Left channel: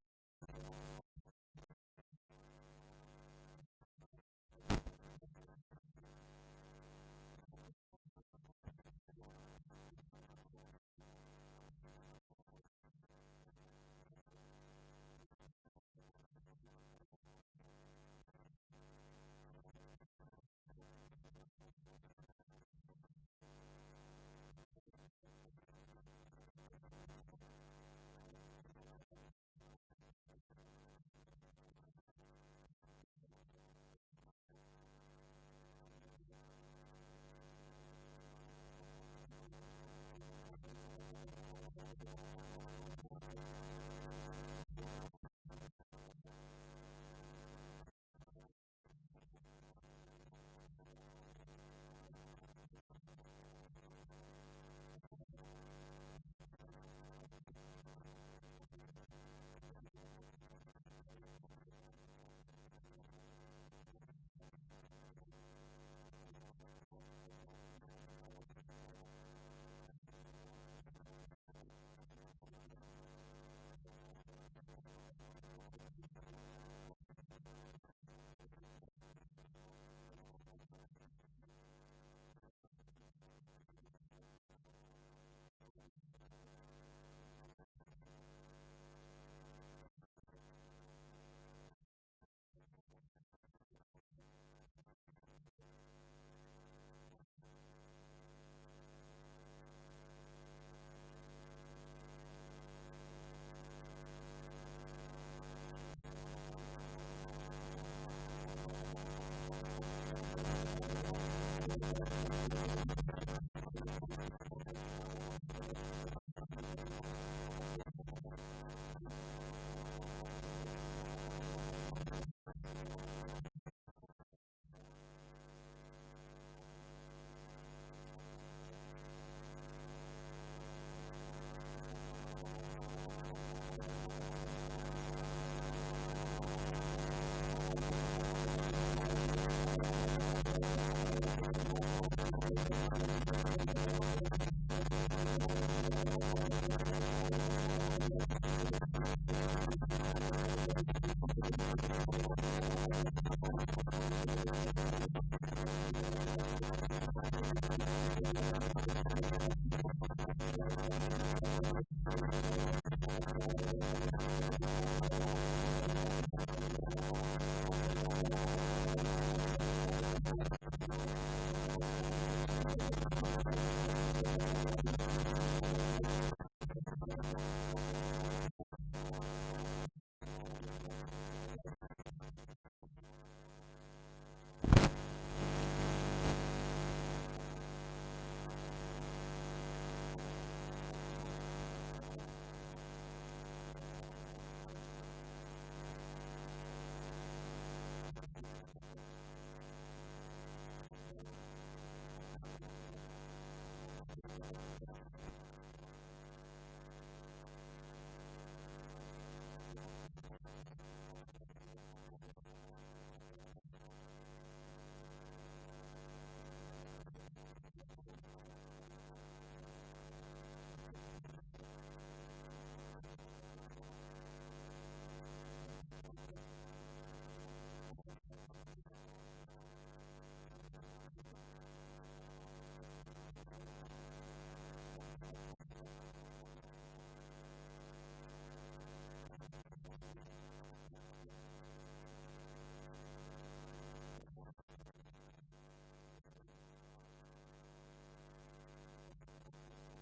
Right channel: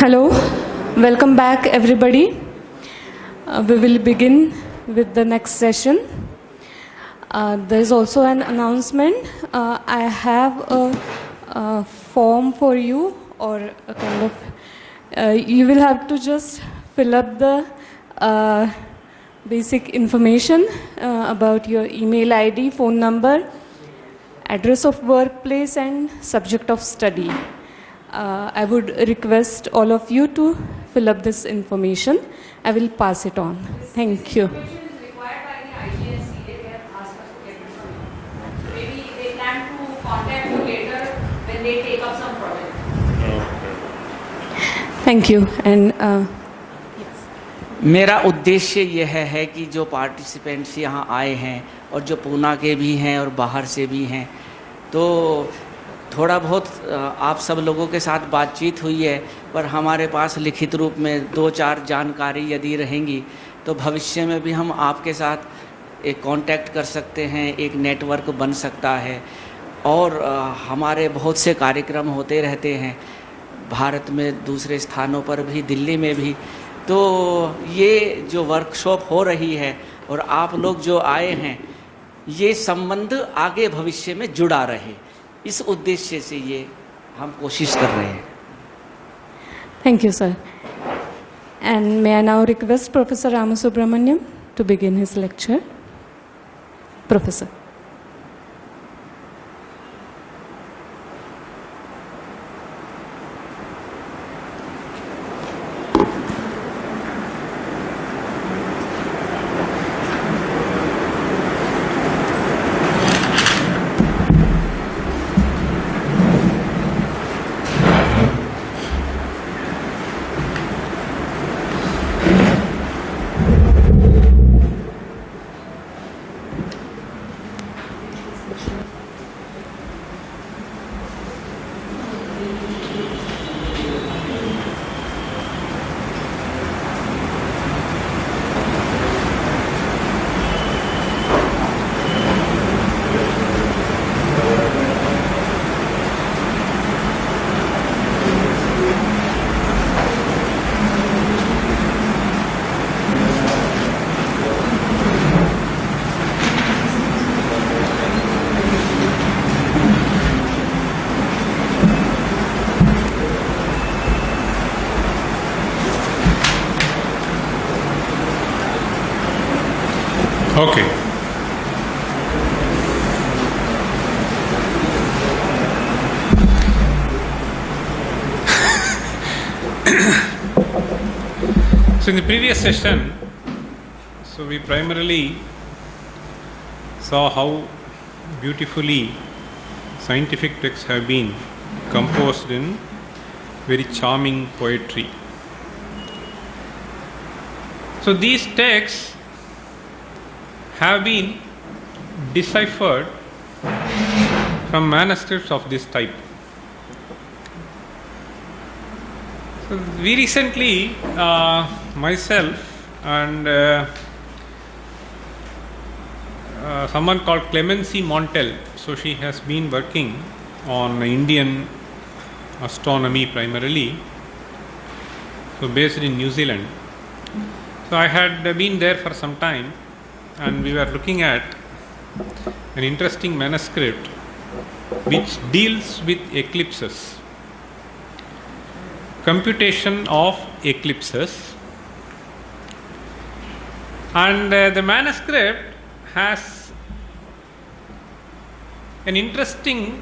Hello, welcome back everybody. We will begin with the next session. There is also an announcement. I have a form for you, or a kind of, you will have to just fill up the basic information about your email ID, phone number, address of workplace, and subject of study. I would request all of you to fill up this information. I will pass it on. Thank you. Information is required by the IGSCA. They have asked us to get it from you. Maybe they plan to contact you later when they take up some project. Thank you. And मेरा उद्देश्य यह है कि जो participants यहाँ आए हैं और जो पूना के भी हैं और बाहर से भी हैं, तो थोड़ा बहुत आप सब लोगों के साथ बातचीत हुई है, पर हमारे पास लिखित रूप में 2-4 जानकारी यदि रहेंगी तो भविष्य में भी हम आपके साथ एक कांटेक्ट कर सकते हैं, एक नेटवर्क बन सकता है। और हमारे बहुत से कार्यक्रम होते रहते हैं भारत में, दूसरे स्थानों पर भी, दिल्ली में भी। तो ये जो वर्कशॉप हो रही है और आप लोग जो आए हैं, ये संबंध आगे भविष्य में जुड़ा रहे, इस उद्देश्य से ये हम कोशिश कर रहे हैं। thank you, sir. And may I now request Professor Ramasubramaniam to begin his lecture? Professor. Okay. So in the previous session, we primarily saw how beautifully scientific texts have been composed in very charming poetry. So these texts have been deciphered from manuscripts of this type. So we recently, myself and someone called Clemency Montel, so she has been working on Indian astronomy primarily, so based in New Zealand. So I had been there for some time, and we were looking at an interesting manuscript which deals with eclipses, computation of eclipses, and the manuscript has an interesting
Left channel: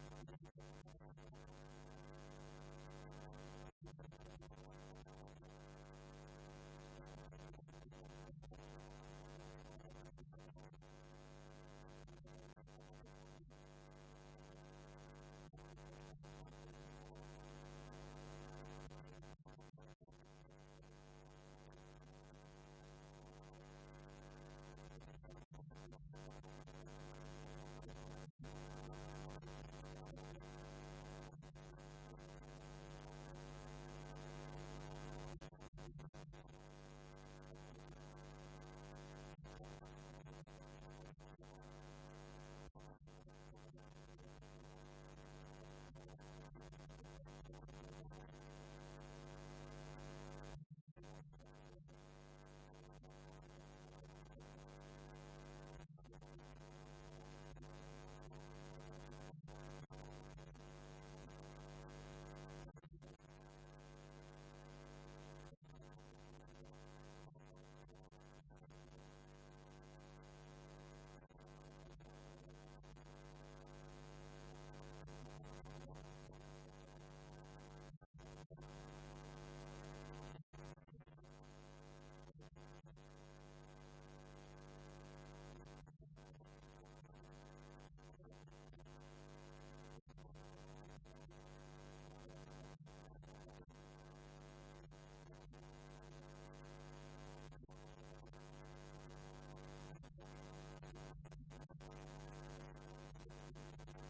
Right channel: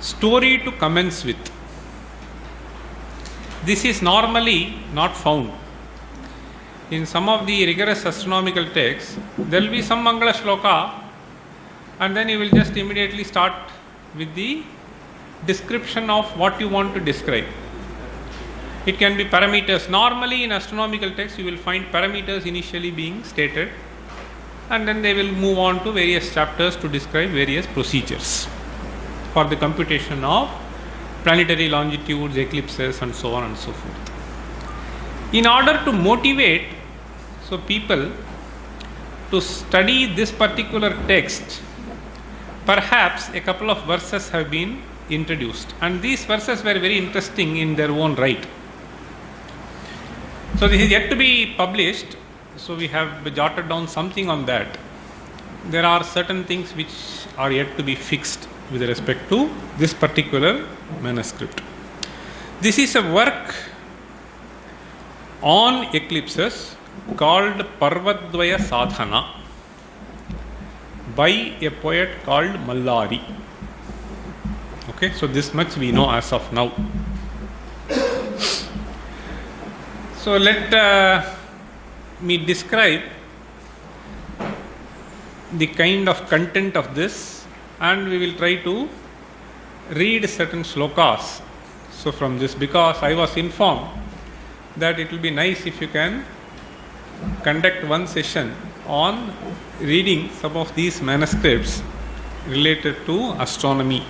story to commence with. This is normally not found. In some of the rigorous astronomical texts, there will be some Mangala Shloka, and then you will just immediately start with the description of what you want to describe. It can be parameters. Normally in astronomical texts, you will find parameters initially being stated, and then they will move on to various chapters to describe various procedures for the computation of planetary longitudes, eclipses, and so on and so forth. In order to motivate people to study this particular text, perhaps a couple of verses have been introduced, and these verses were very interesting in their own right. So this is yet to be published, so we have jotted down something on that. There are certain things which are yet to be fixed with respect to this particular manuscript. This is a work on eclipses called Parvadvaya Sadhana by a poet called Mallari. Okay, so this much we know as of now. So let me describe the kind of content of this, and we will try to read certain slokas. So from this, because I was informed that it will be nice if you can conduct one session on reading some of these manuscripts related to astronomy.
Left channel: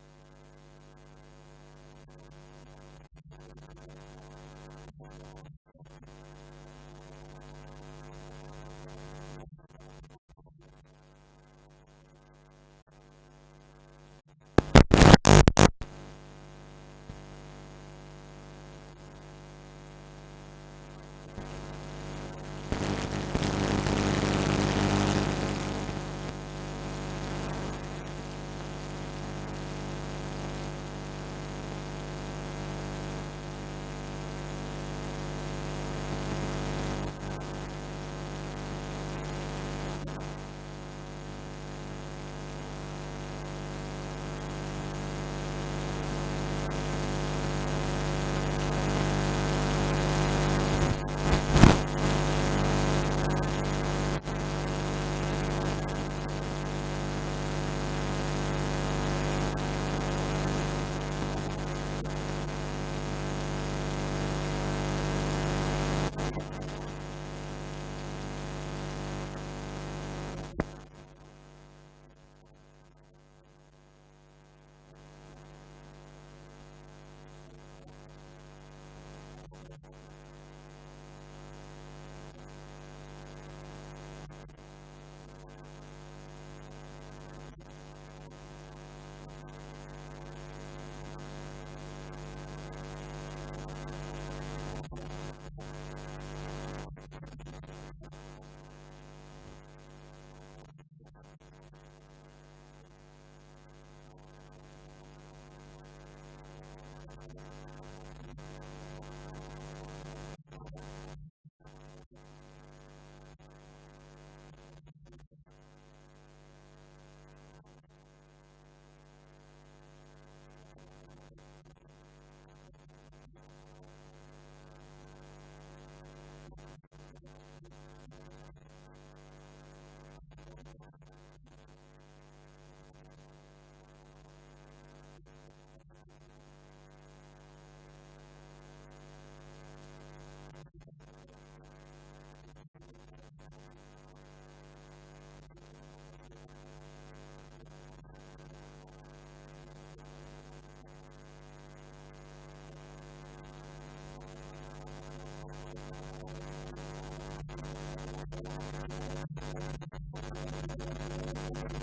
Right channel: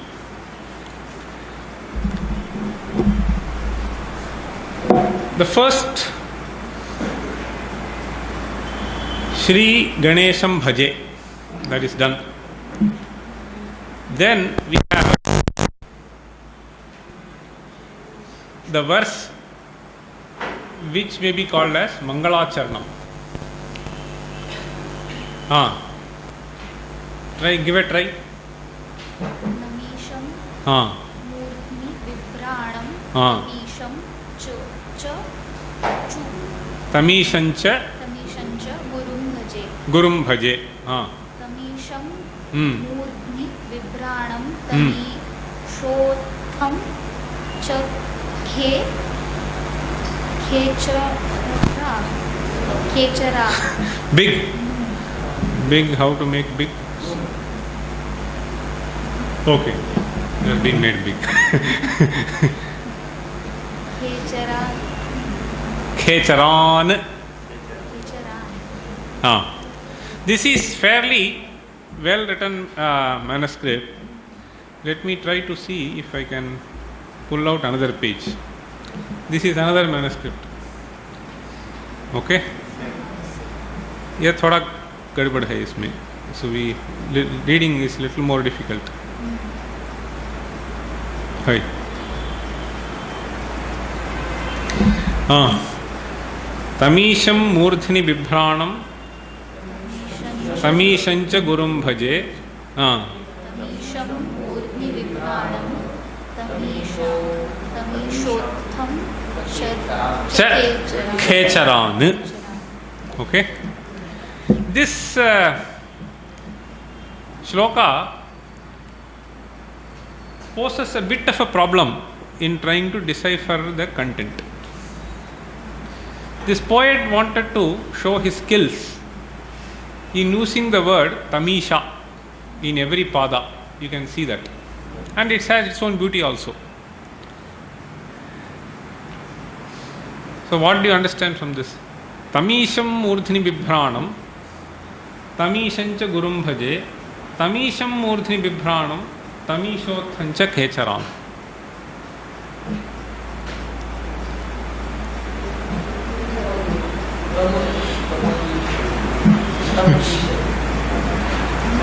The first, Shri Ganesham Bhaje, that is done. Then we have the verse which may be called as Mangalacharna. Try, give a try. Tamishancha Gurum Bhaje. Big. Big, how to make big? Okay, it has been made big. Khecharan. This is fairly well written manuscript. Let me try to see if I can pull out another page. This is another manuscript. Okay, यह थोड़ा गड़बड़ है इसमें, so we reading is little more difficult. Hi. तमीशं मूर्ध्नि बिभ्राणं तमीशंच गुरुं भजे. Khecharan. Okay. This shloka poses a bit of a problem in trying to decipher the content. This poet wanted to show his skills in using the word Tamisha in every pada. You can see that. And it has its own beauty also. So what do you understand from this? Tamisham Murthini Bibhranam, Tamishancha Gurum Bhaje, Tamisham Murthini Bibhranam, Tamishothancha Khecharam.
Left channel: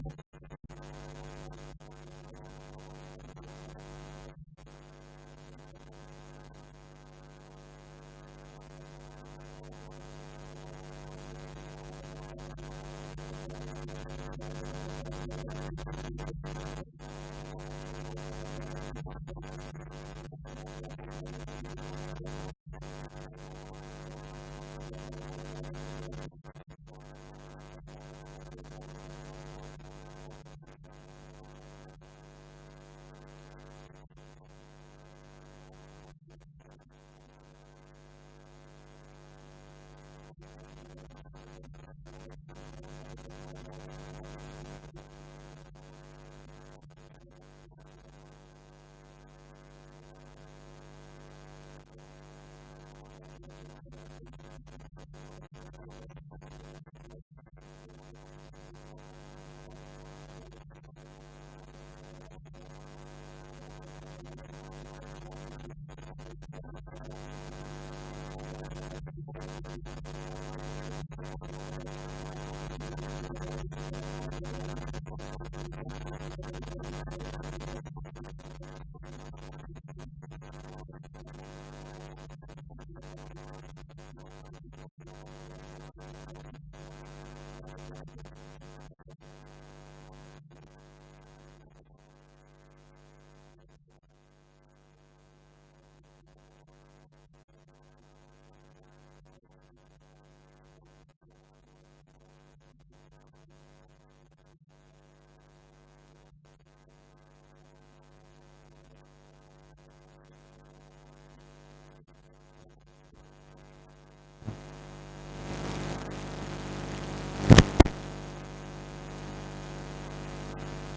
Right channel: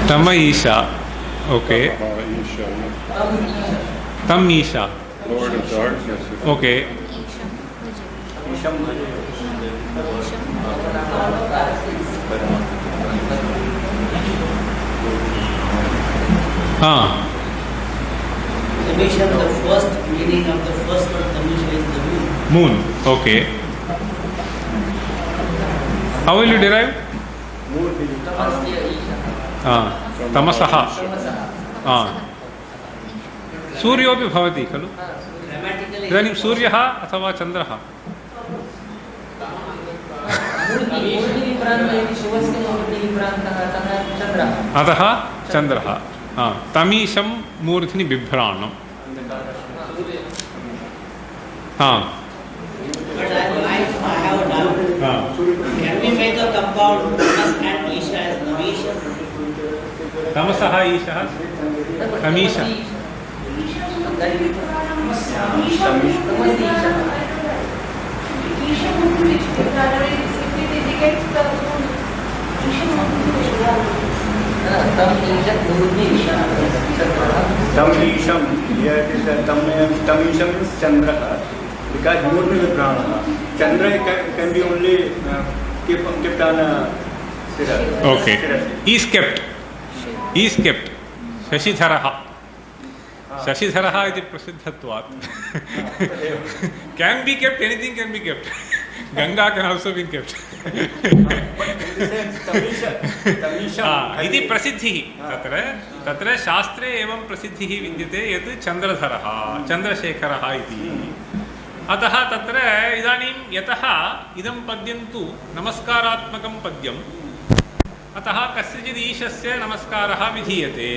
Tamaisha. Okay. Tamisha. Lord of darkness. Okay. Tamisha, the first meaning of the first word Tamisha is the moon. Moon. Okay. How will you derive? Tamasaha. सूर्योपि भवति खलु. इदानीं सूर्यः अथवा चन्द्रः. अतः चन्द्रः. तमीशं मूर्ध्नि बिभ्राणम्. But I have a doubt. Can we make a compound Tamas and Isha as Namisha? तमसः ईशः तमीश. Tamisham, here it Chandra, because Murni Vibrahana. Chandra can be only kept on Sira. Okay. Is kept. Is kept. Shashidharaha. Shashidharaha iti prasiddhatvat. Can be kept, anything can be kept. Ganga can also be kept. इति प्रसिद्धिः तत्र तत्र शास्त्रे एवं प्रसिद्धिः विद्यते यत् चन्द्रधरः चन्द्रशेखरः इति अतः तत्र इदानीं यतः इदं पद्यं तु नमस्कारात्मकं पद्यम् अतः कस्यचित् ईशस्य नमस्कारः विधीयते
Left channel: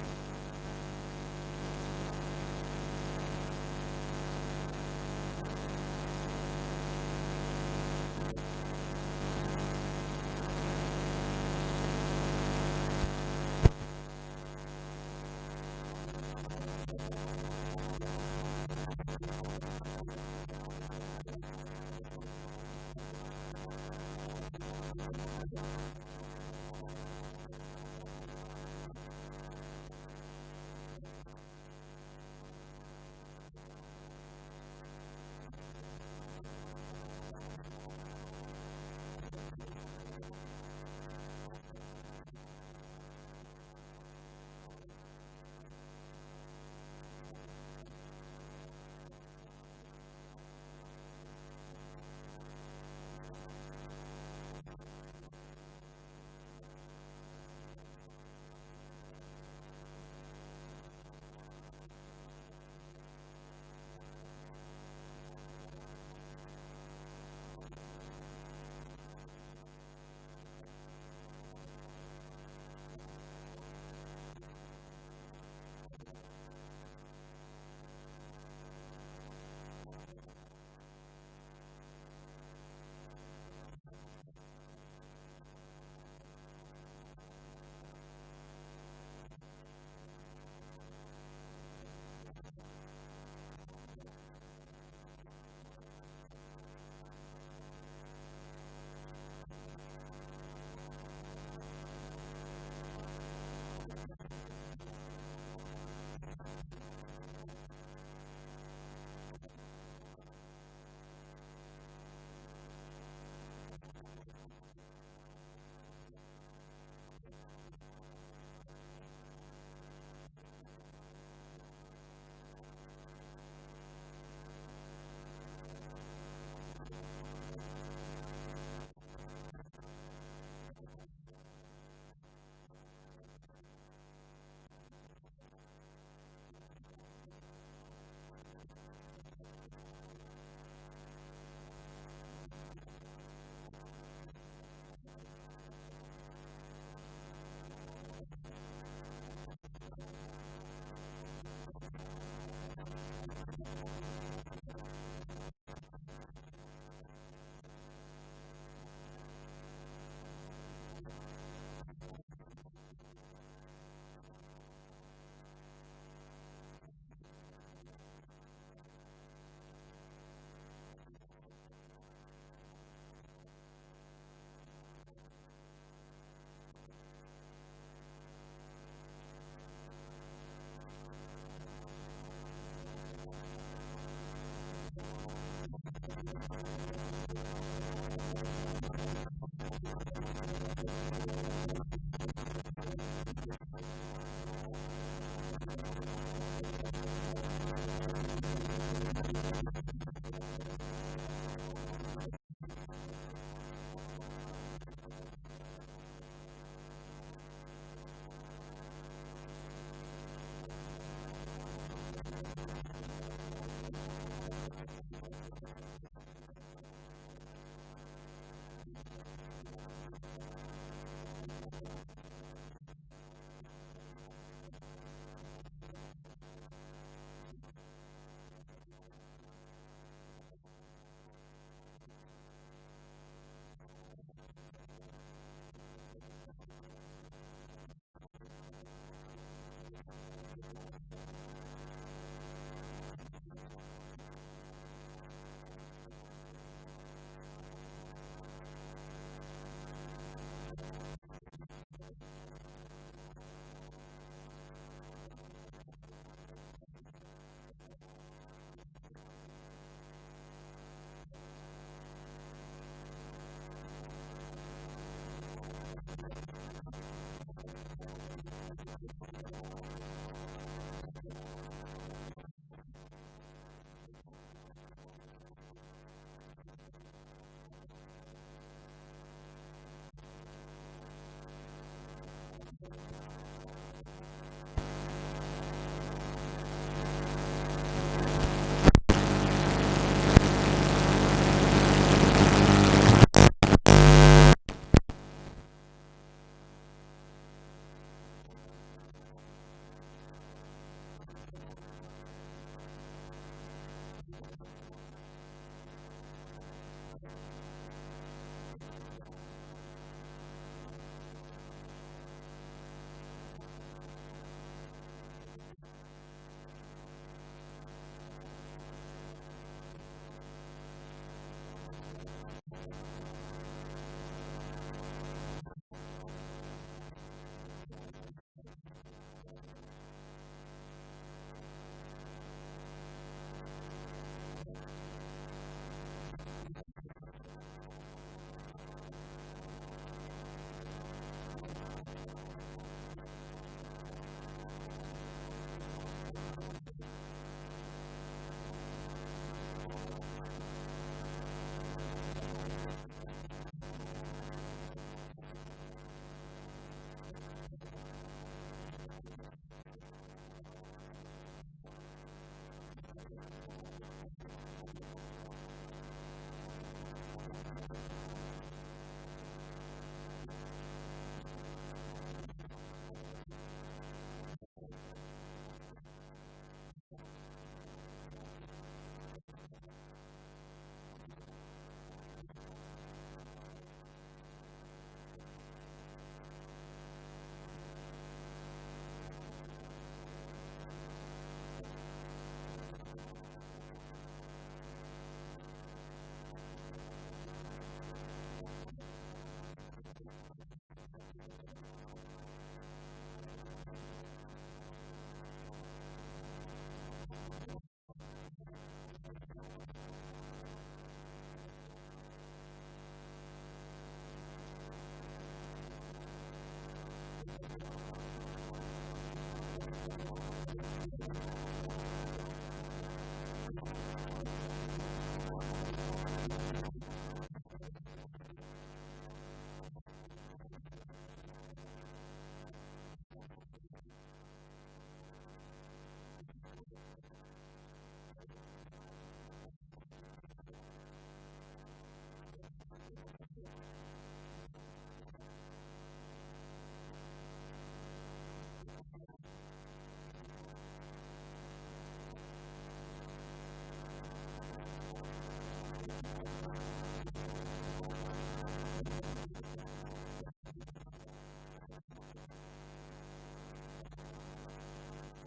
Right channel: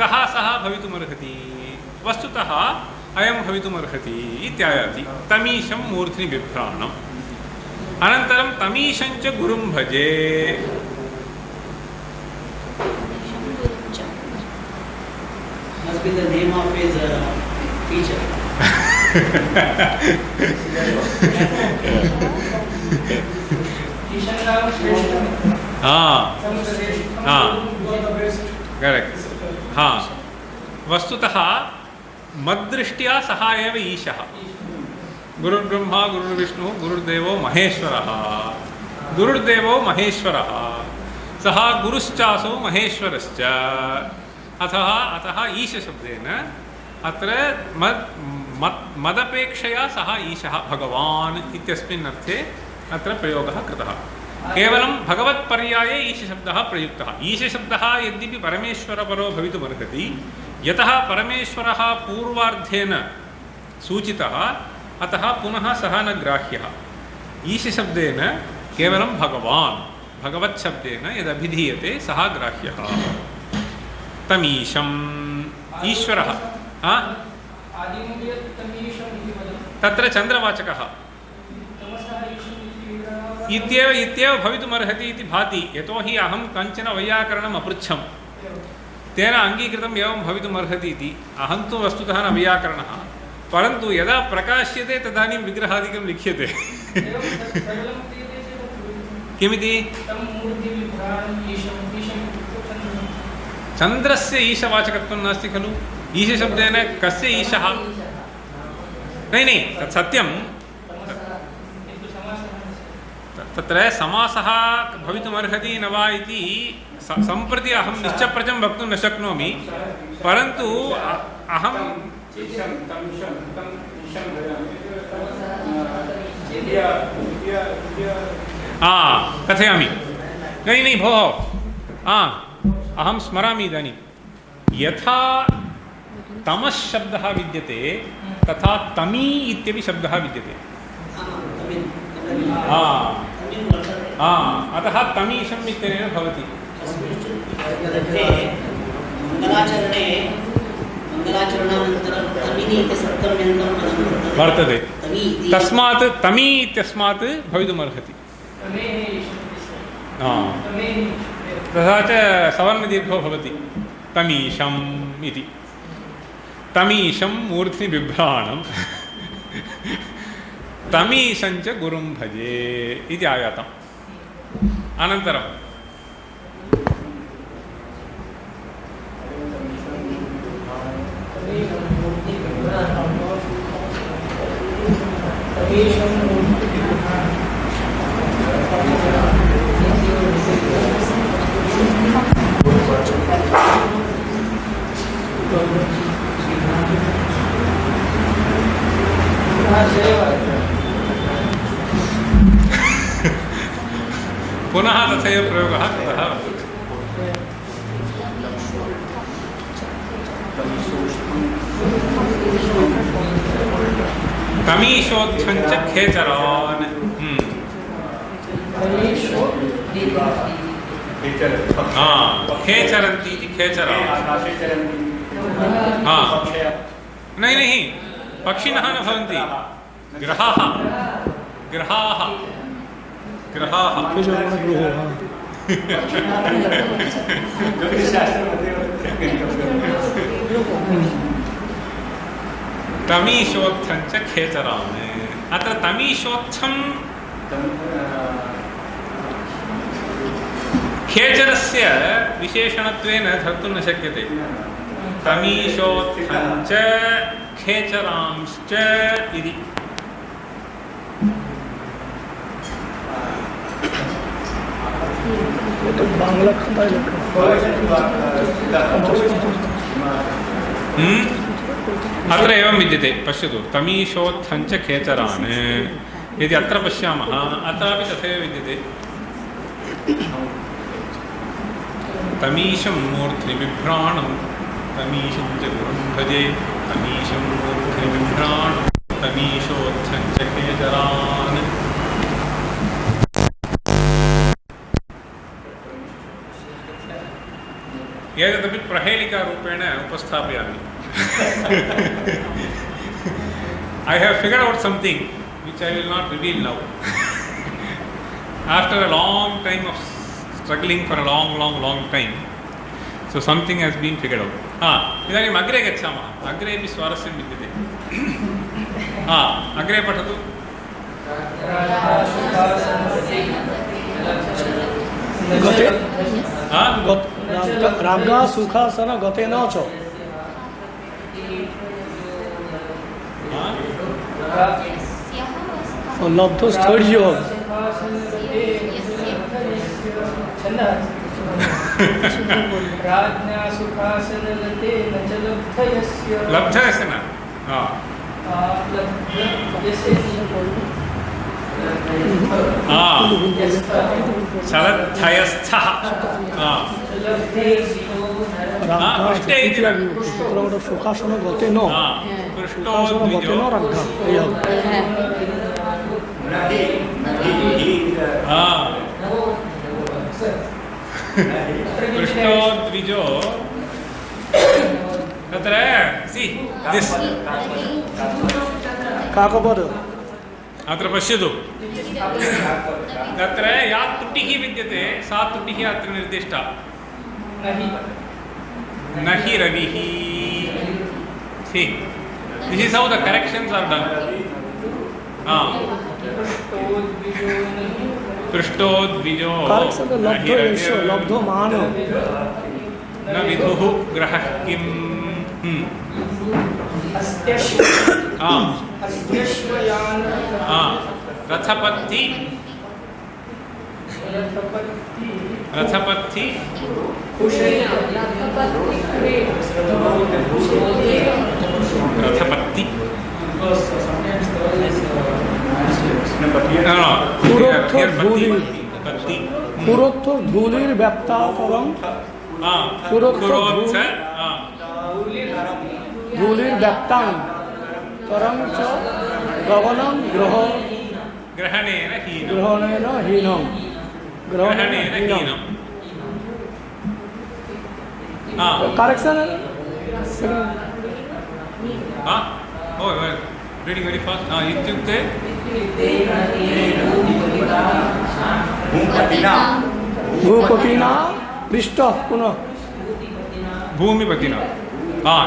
कः सः भवितुमर्हति वस्तुतः अयं भवितुमर्हति इत्यायाति तमीशं मूर्ध्नि बिभ्राणम् अनन्तरं तमीशं च गुरुं भजे Must be the name of his teacher. हाँ हाँ करेक्ट हाँ वस्तुतः मद्दृष्ट्या सः एव ईशः गुरुर्ब्रह्मा गुरुर्विष्णुः गुरुर्देवो महेश्वरः गुरुर्देवो महेश्वरः सः गुरुश्चासौ महेश्वरश्च अतः ईशशब्देन अत्र मदपेक्षया सः ईशः भगवान् इत्यस्मिन् अर्थे अत्र प्रयोगः कृतः केवलं भगवत्पर्याये ईशशब्दः प्रयुक्तः ईशशब्दः यद्यपि परमेश्वरपरो भवितुमर्हति यतः परमेश्वरः पूर्वार्धेन सूचितः अतः पुनः सः न ग्राह्यः ईशशब्देन केवलं भगवान् भगवत्शब्देन यदभिधीयते सः ग्राह्यः तमीशम् ईश्वरः तत्र चन्द्रवाचकः इत्येव भवितुमर्हति इति भाति यतोहि अहं कञ्चन वैयाकरणम् अपृच्छं तेन अङ्गीकृतम् एवं भवितुमर्हति इति अहं तु वस्तुतः न वैयाकरणः परन्तु यदा प्रकाश्यते तदानीं विग्रहादिकं लिख्यते किमिति चन्द्रस्य ईशवाचकत्वं नास्ति खलु ईशशब्देन कस्य ईशः नहीं तत् सत्यं तत्र समासः भवितुमर्हति न वा इति सम्प्रति अहं निश्चप्रचं वक्तुं न शक्नोमि परन्तु अहं कथयामि नहीं भोः अहं स्मरामि इदानीं यथा तमः शब्दः विद्यते तथा तमी इत्यपि शब्दः विद्यते अतः तमीशम् इत्यनेन भवति वर्तते तस्मात् तमी इत्यस्मात् भवितुमर्हति तथा च सवर्णदीर्घो भवति तमीशम् इति तमीशं मूर्ध्नि बिभ्राणम् तमीशं च गुरुं भजे इति आयातम् अनन्तरं पुनः तथैव प्रयोगः कृतः तमीशोत्थं च खेचरान् खेचरन्ति इति खेचरान् नहीं पक्षिणः न भवन्ति ग्रहाः ग्रहाः ग्रहाः तमीशोत्थं च खेचरान् अत्र तमीशोत्थं खेचरस्य विशेषणत्वेन धर्तुं न शक्यते तमीशोत्थं च खेचरांश्च इति। बांग्ला खंडा अत्र एवं विद्यते, पश्यतु, तमीशोत्थञ्च खेचरान् यदि अत्र पश्यामः अत्रापि तथैव विद्यते। तमीशं मूर्ध्नि बिभ्राणं तमीशं च गुरुं भजे तमीशं मूर्ध्नि बिभ्राणं तमीशोत्थञ्च खेचरान्। एतदपि प्रहेलिकारूपेण उपस्थापयामि। I have figured out something which I will not reveal now. After a long time of struggling for a long time, so something has been figured out. इदानीम् अग्रे गच्छामः। अग्रेपि स्वारस्यं विद्यते। अग्रे पठतु। राज्ञा सुखासन गतेन च लब्धो स्थैर्य लब्धस्य न चलद्धयस्थः सुखासन गतेन पृष्ठोद्विजो पृष्ठोद्विजो तत्र सी दिस् काकपद अत्र पश्यतु तत्र या त्रुटिः विद्यते सा त्रुटिः अत्र निर्दिष्टा न हि रविः see this is how the corrections are done पृष्ठोद्विजो लब्धो मान न विदुः ग्रहः किम् रथपत्ति रथपत्ति रथपत्ति पुरोत्थ धूलिर व्याप्ताकरं धूलिर व्याप्तां करं च गगनं ग्रहणेन हीनं करेक्शन reading very fast इत्युक्ते भूपतिना पृष्ठ पुनः भूमिपतिना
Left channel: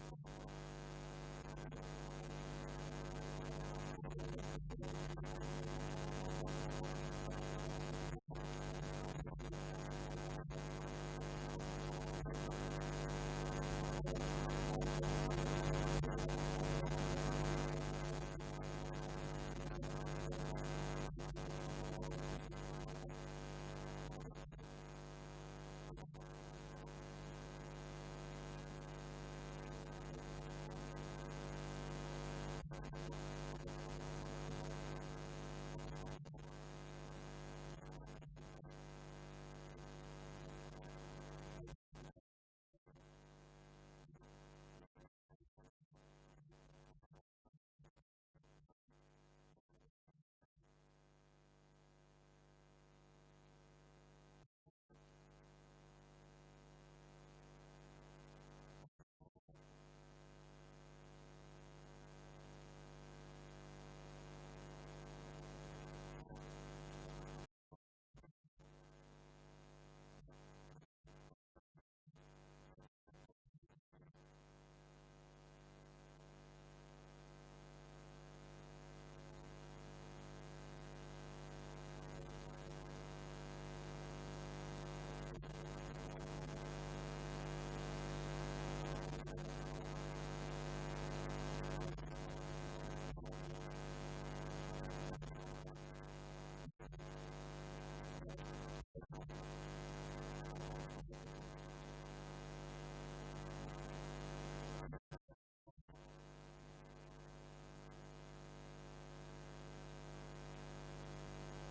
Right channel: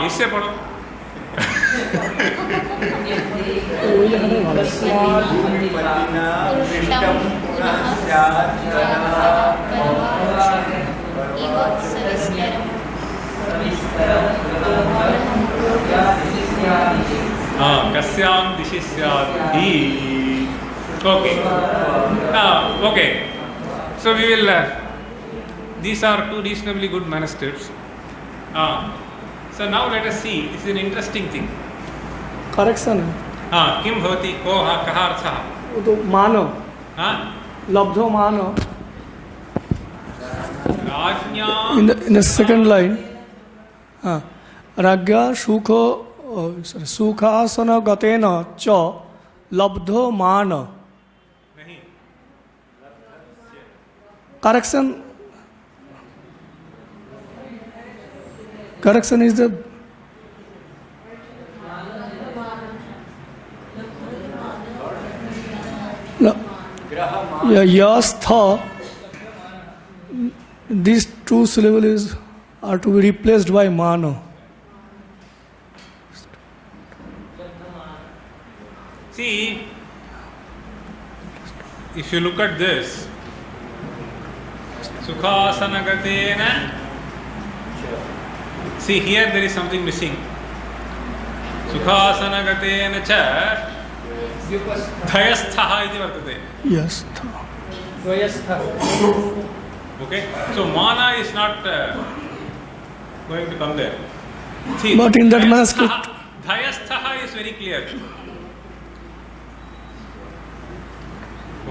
इससे पढ़ो कस्यां दिशि स्यात् हि okay so we will these are two reasonably good manuscripts so now let us see this is an interesting thing correction किं भवति कः अर्थः तो मान लब्धो मान राज्ञा in the second line राज्ञा सुखो सुखासन गतेन च लब्धो मान correction is the yastha. These two syllables are to be replaced by mano. See, if you look at this, Sukhasanagateena, see here there is something missing. सुखासनगतेन च धयस्थः इति वर्तते. Yes. Okay, so mana is not going to come there. See, But in that dhayasthaha- manuscript- dhayasthaha is very clear.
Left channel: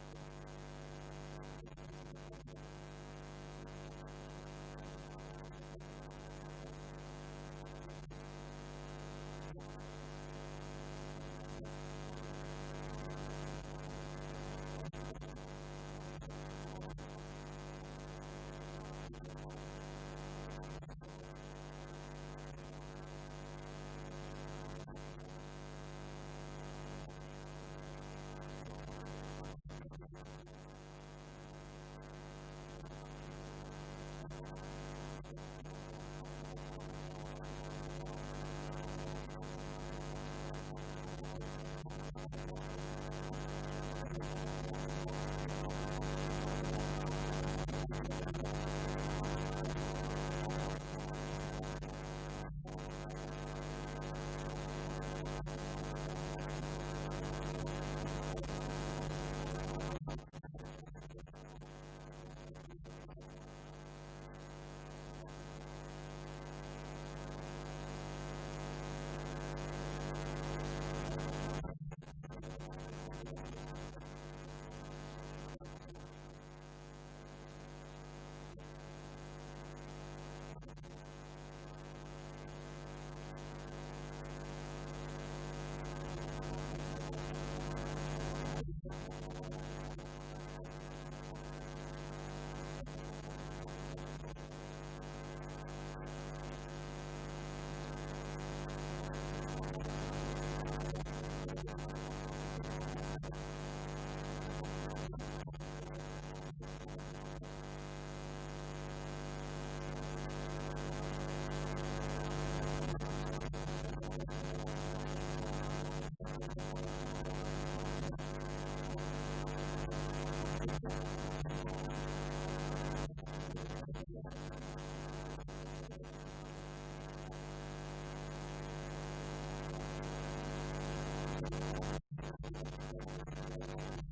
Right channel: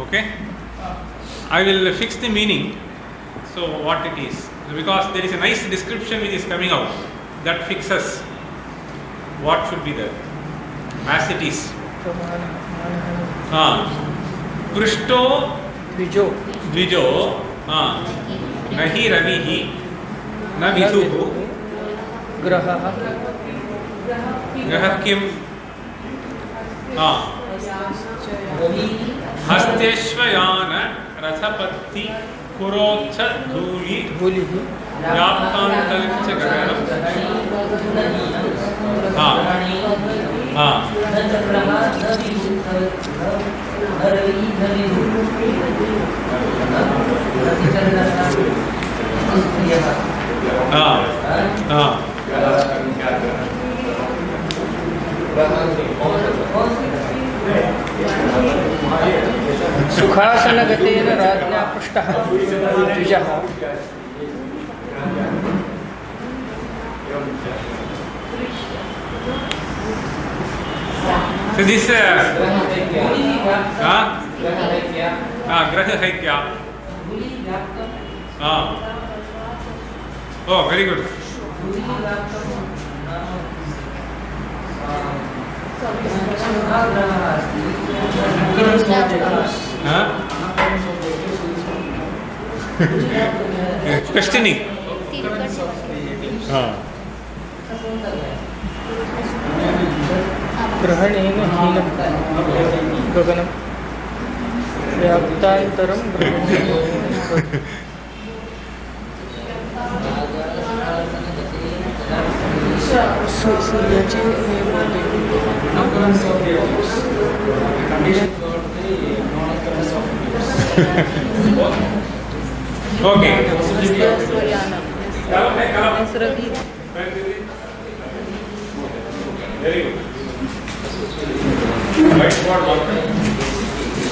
Okay, I will fix the meaning. So what it is, because there is a nice description which is coming out that fixes what should be there as it is. पृष्टो द्विजो न हि रविः न विदुः ग्रहः किं हस्तेश्वयान रथपत्ति पुरोच्छ धूलि व्याप्तान्तरिक्ष गगनम् सुखासनगतेन राज्ञा पृष्टः द्विजः. So this ग्रह है क्या? Oh, very good. Questioning. ग्रहणेन हीनं गगनं व्याप्तान्तरं सूर्याची Okay. Very good. Whiteboard marker.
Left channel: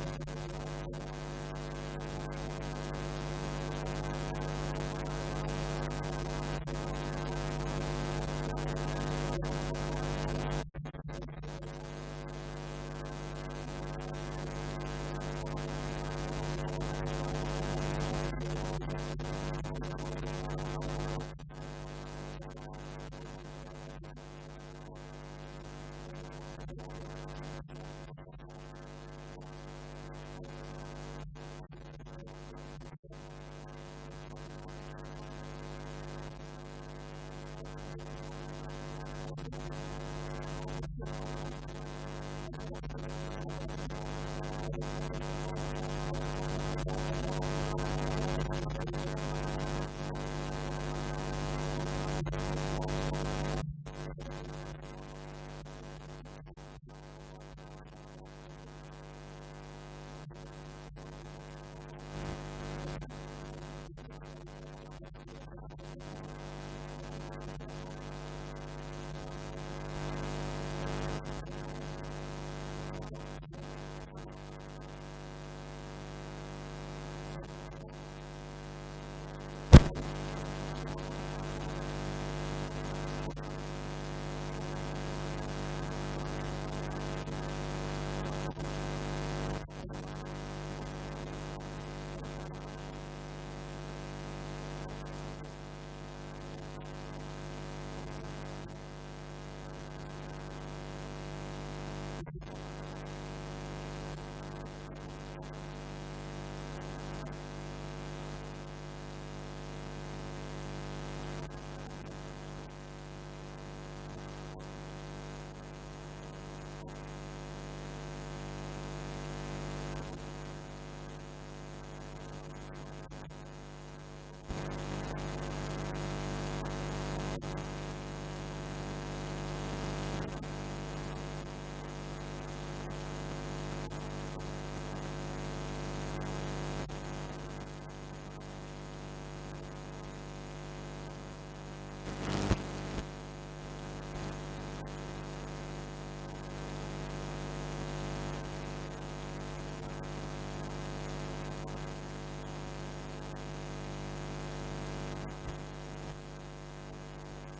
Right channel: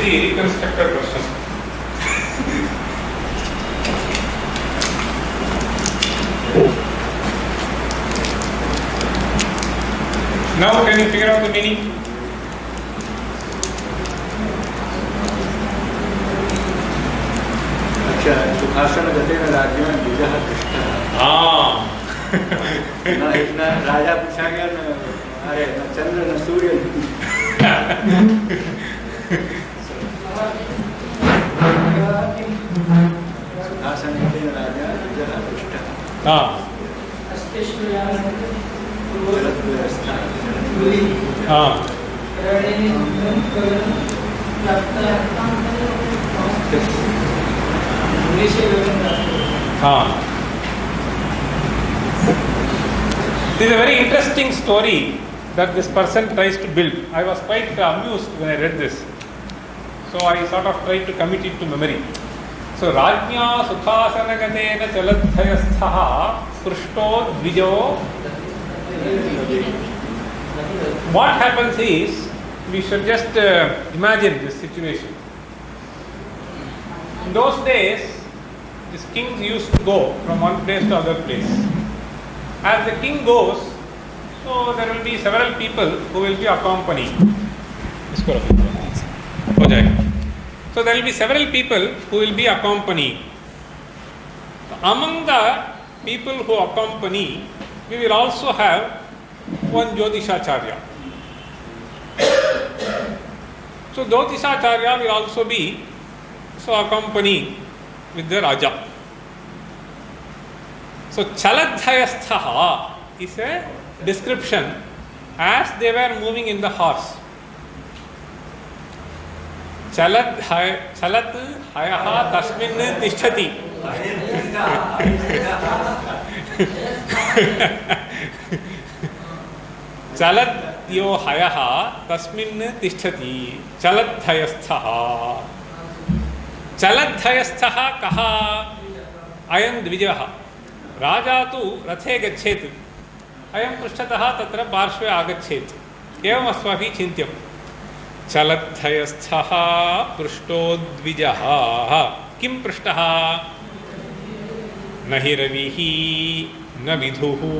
Reconstructed question. Now can you figure out the meaning? अच्छा, सुखासनगतेन राज्ञा द्विजः पृष्टः. न राजा पूछा गया न अरे न चंद्र न सूर्य. सुखासन हाँ हाँ हाँ. This is a very interesting story that this person tries to build. I was quite amused when I read this. So I sort of tried to commit it to memory. So Rajnya Sukhasanagateena Chaladhyasthaha Prushto Dvijo. What happens is, we should just imagine this situation. In those days, these kings used to go from one place to other place. As the king goes, so there will be several people who will be accompanying. So there will be several people who will be accompanying. Among the people who accompany, we will also have one Jyotishacharya. So Jyotishacharya will also be accompanying with the Raja. So Chaladhyasthaha is a description as they were moving in the horse. Chalat hayaha tasmin tishtati. Chalat yo hayaha tasmin tishtati. Chaladhyasthaha. Chaladhyasthaha kaha ayam dvijaha. Raja tu rathe gachet. Ayam prushtatah tatra parshve agachet. Evam asmavi chintyam. Chaladhyasthaha prushto dvijaha. Kim prushtah? Nahi ravihi na vidhuhu.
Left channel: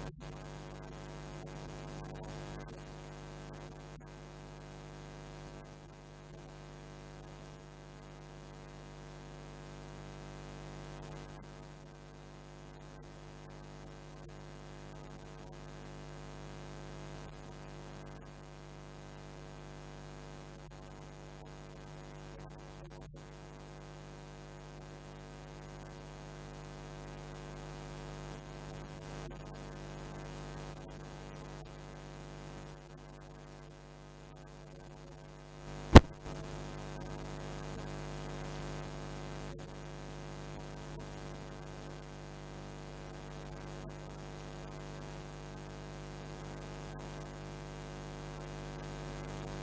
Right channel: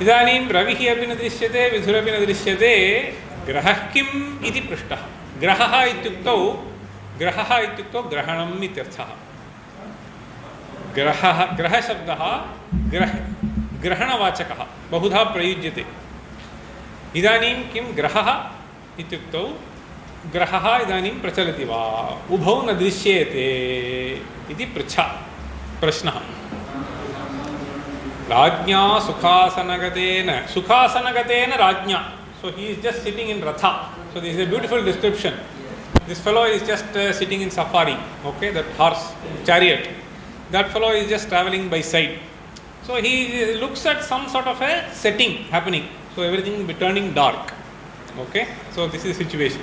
Idanim ravihi api na drishyate, vidhurapi na drishyate. Grahah kim iti prushtah. Grahaha ityukto grahanam ityarthah. ग्रह शब्दः ग्रहणवाचकः बहुधा प्रयुज्यते. इदानीं किं ग्रहः इत्युक्तौ ग्रहः इदानीं प्रचलति वा उभौ न दृश्येते इति प्रश्नः. राज्ञा सुखासनगतेन राज्ञा. So he is just sitting in ratha. So this is a beautiful description. This fellow is just sitting in safari. Okay, that horse chariot. That fellow is just traveling by side. So he looks at some sort of a setting happening. So everything will be turning dark. Okay. So this is the situation.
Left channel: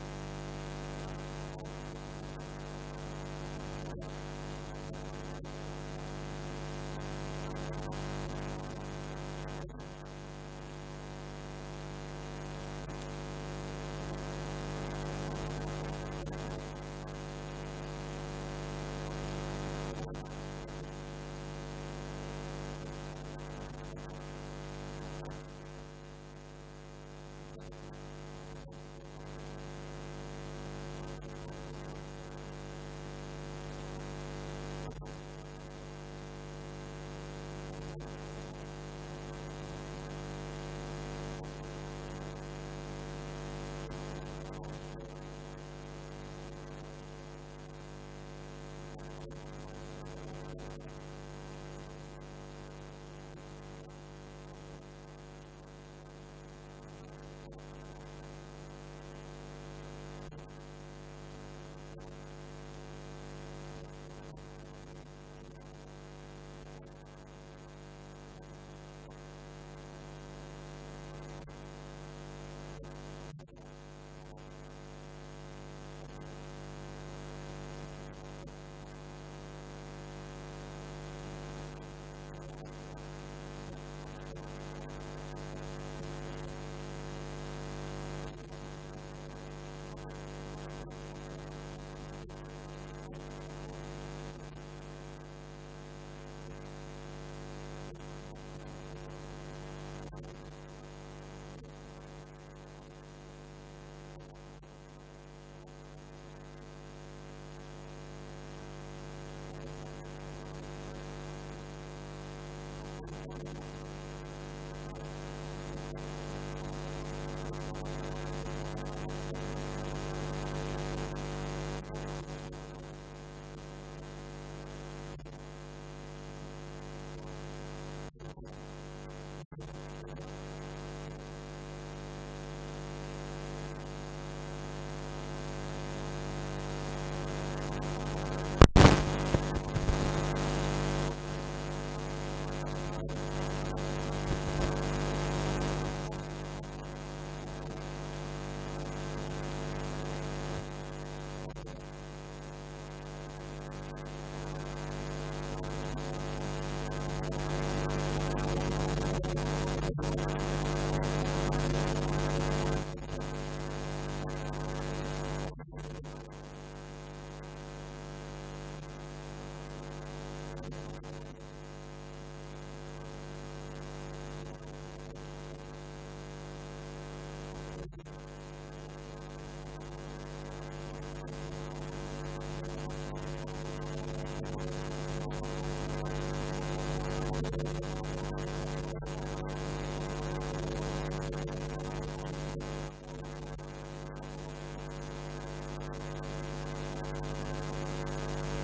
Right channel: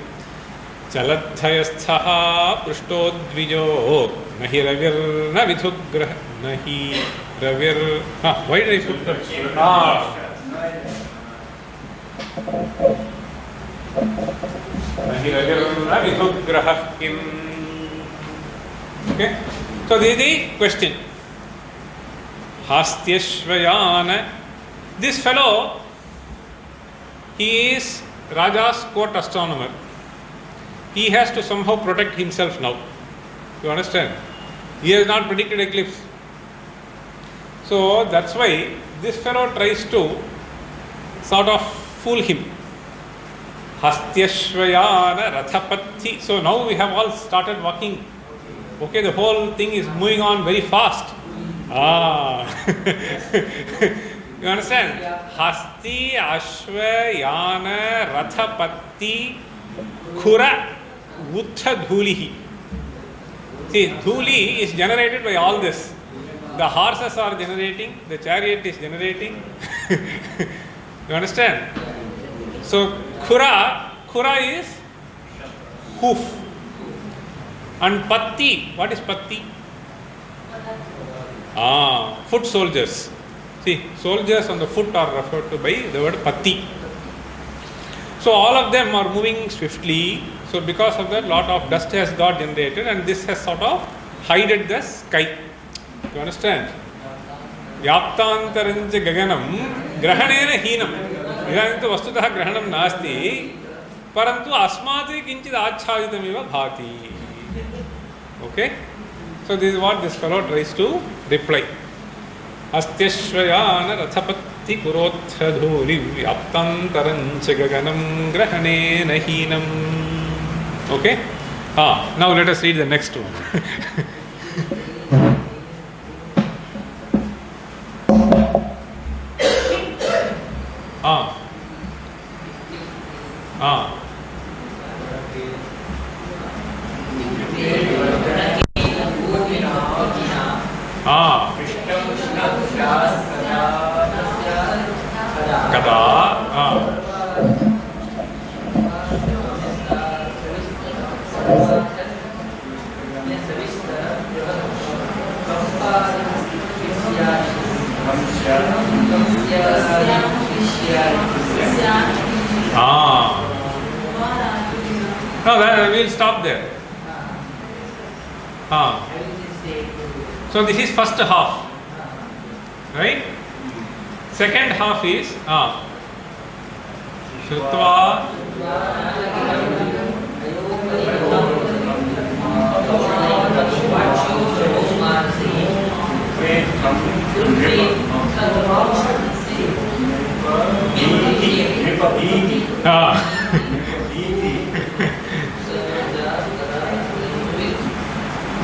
Chaladhyasthaha prushtodvijo nahi ravir na vidhugrah nahi ravir. Why did I put that? Nahi ravir na vidhugrah kim. Okay. So this is the question. Hastyashvayana. This fellow, he is Raja's court astronomer. He has to somehow protect himself now. You understand? He has not predicted eclipse. So that's why this fellow tries to sort of fool him. Hastyashvayana rathapatti. So now we have all started walking. Okay, the whole thing is moving on very fast. You understand? Hasti, Ashva, Yana, Rathapatti, Khura, Uttha Dhulihi. See, Dhuli is generated by all this. The horses are generating, the chariot is generating. You understand? So, Khura is hoof. And Patti, what is Patti? Foot soldiers. See, soldiers on the foot are referred to by the word Patti. So all of them are moving swiftly. So because of that, lot of dust has got generated and this has sort of hided the sky. You understand? Yaptantaranja gaganam grahanena heenam. Idantu vastutah grahanam nasti. Parantu asmati kinchid achhayitamiva bhati. Okay? So this is what this fellow tries to reply. Astyashvayana rathapatti kurotha dhuli vyaptantarancha gaganam grahanena heenam. Okay? Now let us read the next one. कदा No, we'll stop there. So this is first half, right? Second half is Shrutva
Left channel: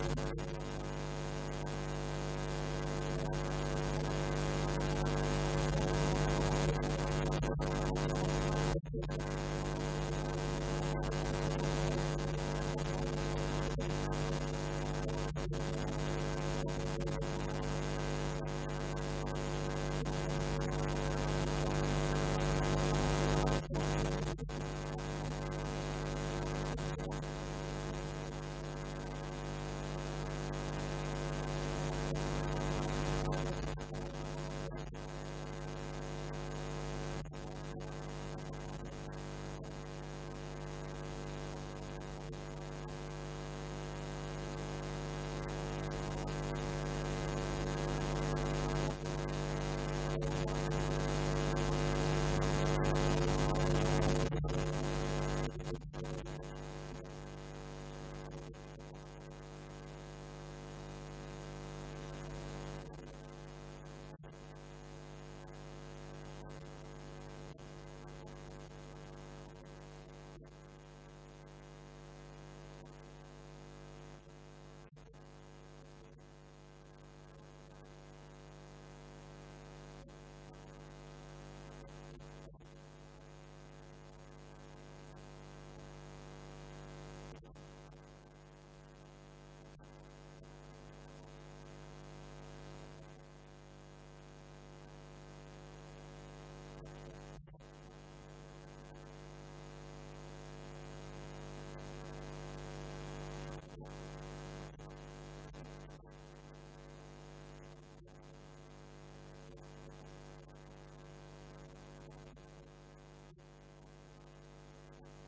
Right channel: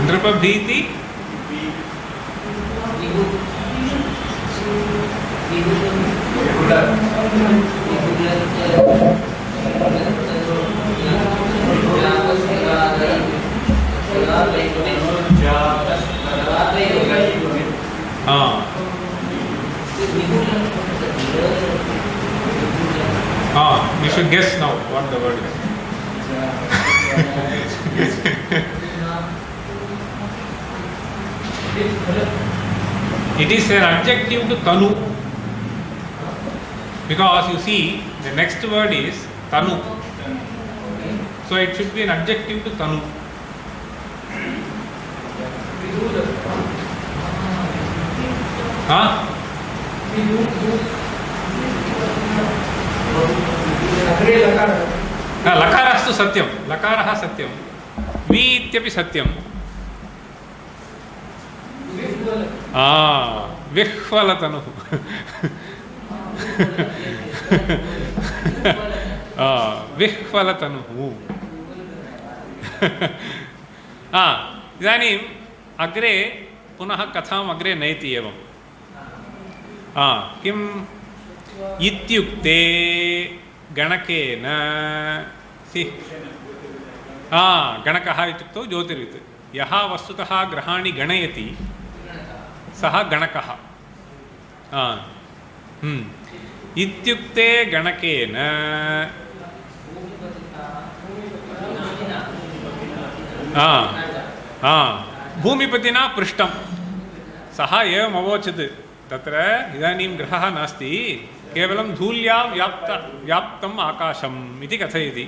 नृपभीति you should guess now what the word is. It is an adjective to Tanu, because you see the next word is Tanu, so it should be an adjective to Tanu. लकारस्तु सत्यं, लकारः सत्यं, वि इत्यपि सत्यं. विह्वलतनुः. विह्वलतनुः. इदानीम् अग्रे पुनः कथाम् अग्रे नयति एवं. किम् इत्युक्ते गणकेन गणकः इत्युक्तौ ज्योतिर्वित्. यः वस्तुतः ग्रहाणि गणयति सः गणकः. इत्युक्ते गणकेन भूमिपतिना पृष्टं. सः एवम् अवोचत्, तत्र इदानीं ग्रहः नास्ति, केवलं धूल्यां व्याप्तम् आकाशम् इति कथयति.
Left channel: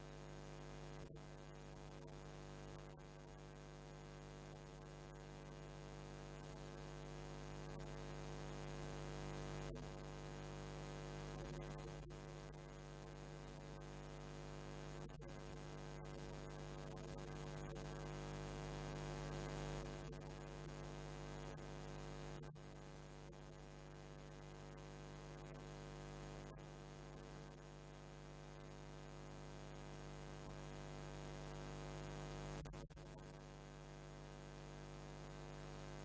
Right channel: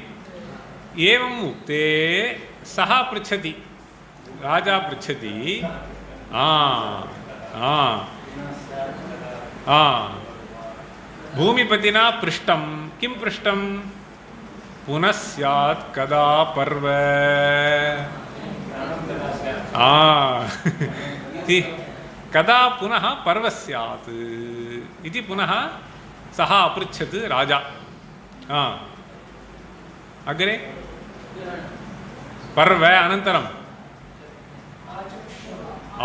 एवम् उक्ते सः पृच्छति, राजा पृच्छति, भूमिपतिना पृष्टं. किं पृष्टं? पुनः स्यात् कदा पर्व. कदा पुनः पर्व स्यात् इति पुनः सः अपृच्छत् राजा. अग्रे पर्व अनन्तरम्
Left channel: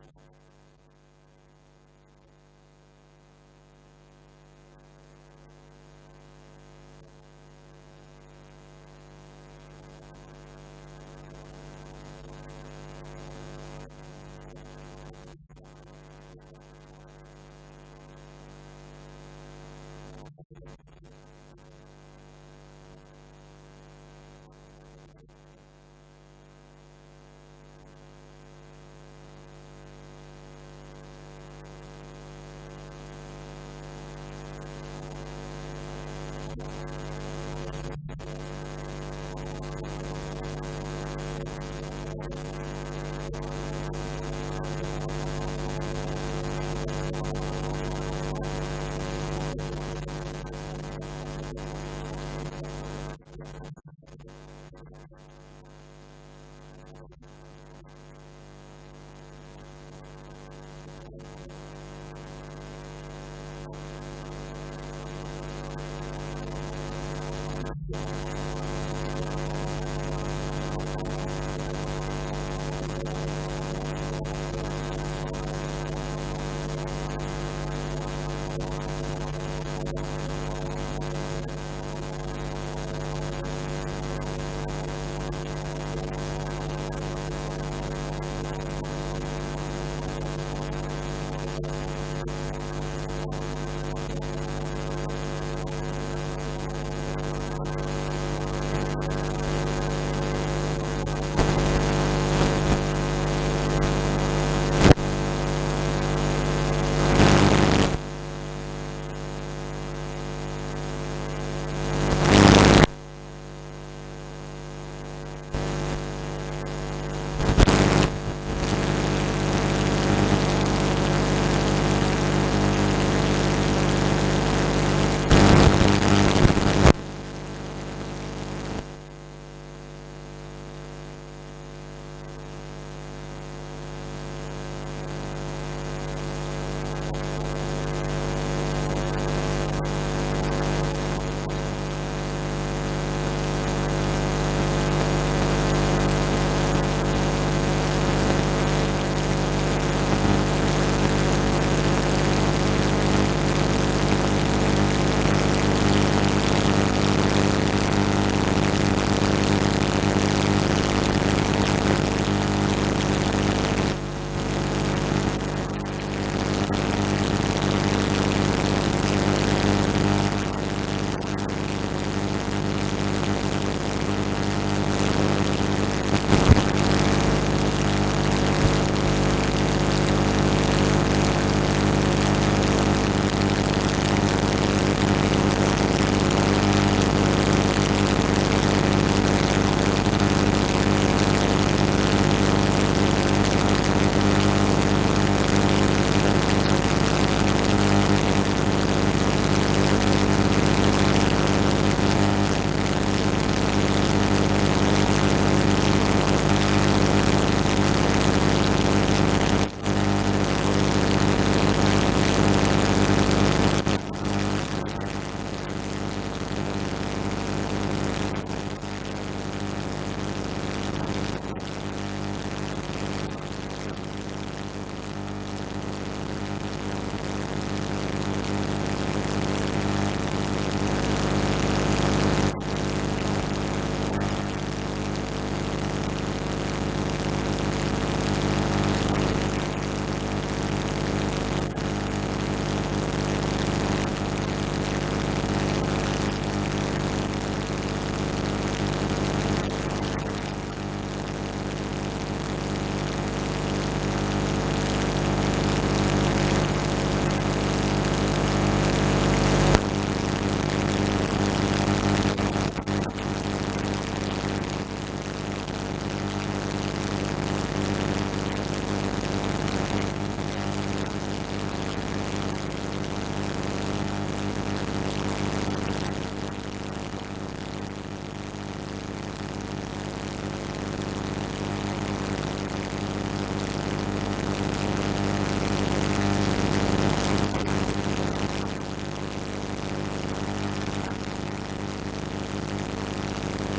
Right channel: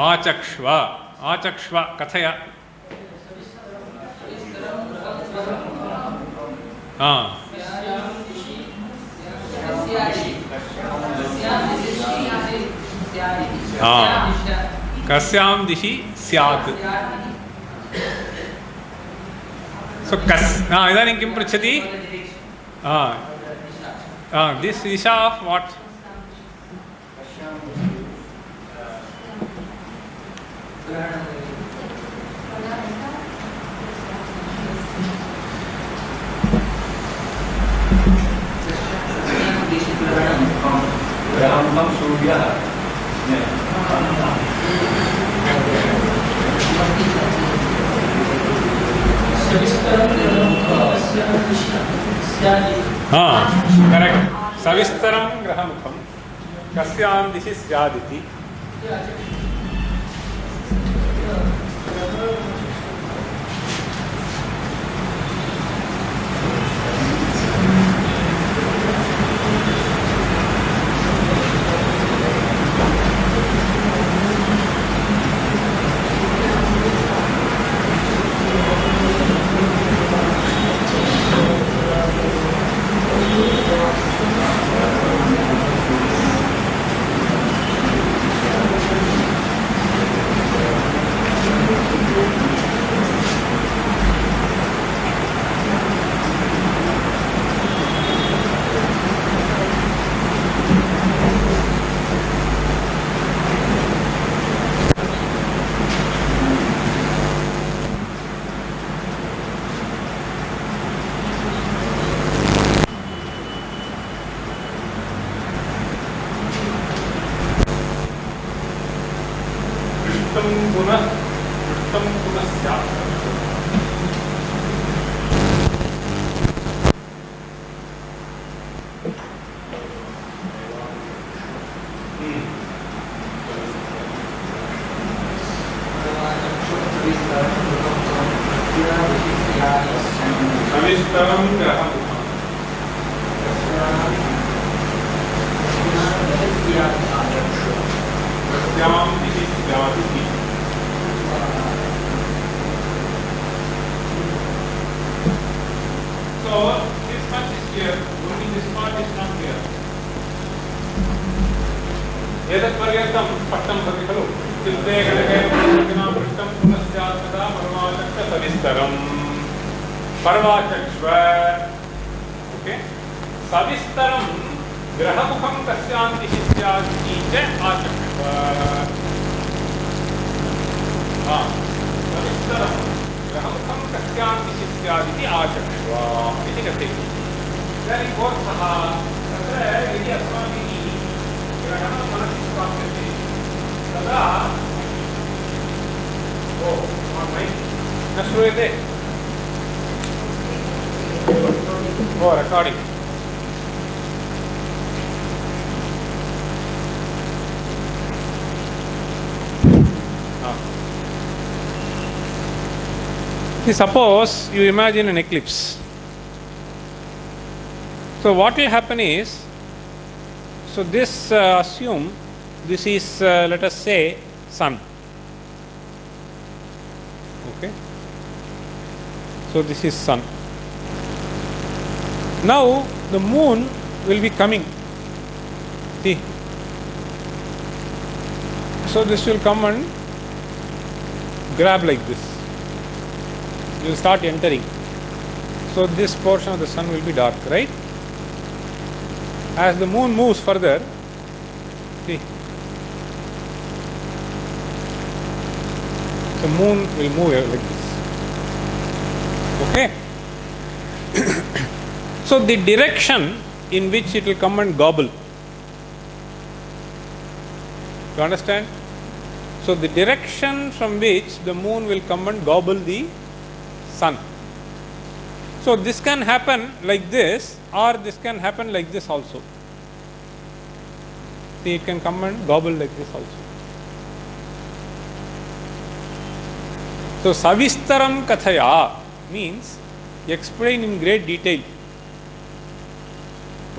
आचक्ष्व. आचक्ष्व कथय. कस्यां दिशि स्यात्. सो इदानीं किं पृच्छति? दिस् दिशा आफ् वाट्? करेक्ट. सविस्तरं ग्रहमुखं कस्यां दिशि स्यादिति. सविस्तरं ग्रहम् एतत्पर्यन्तं स्पष्टं भवति खलु चित्ते गणके सविस्तरं सर्वाचक्ष्व सविस्तरं ग्रहमुखं कस्यान्ति इत्यादि आचक्ष्व recording. Suppose you imagine an eclipse. So what will happen is, so this assume this is let us say sun. Okay. So this is sun. Now the moon will be coming. See. So this will come and grab like this. Will start entering. So this portion of the sun will be dark, right? As the moon moves further, see, the moon will move like this. Okay? So the direction in which it will come and gobble. You understand? So the direction from which the moon will come and gobble the sun. So this can happen like this, or this can happen like this also. See, it can come and gobble like this also. So savistaram kathaya means explain in great detail.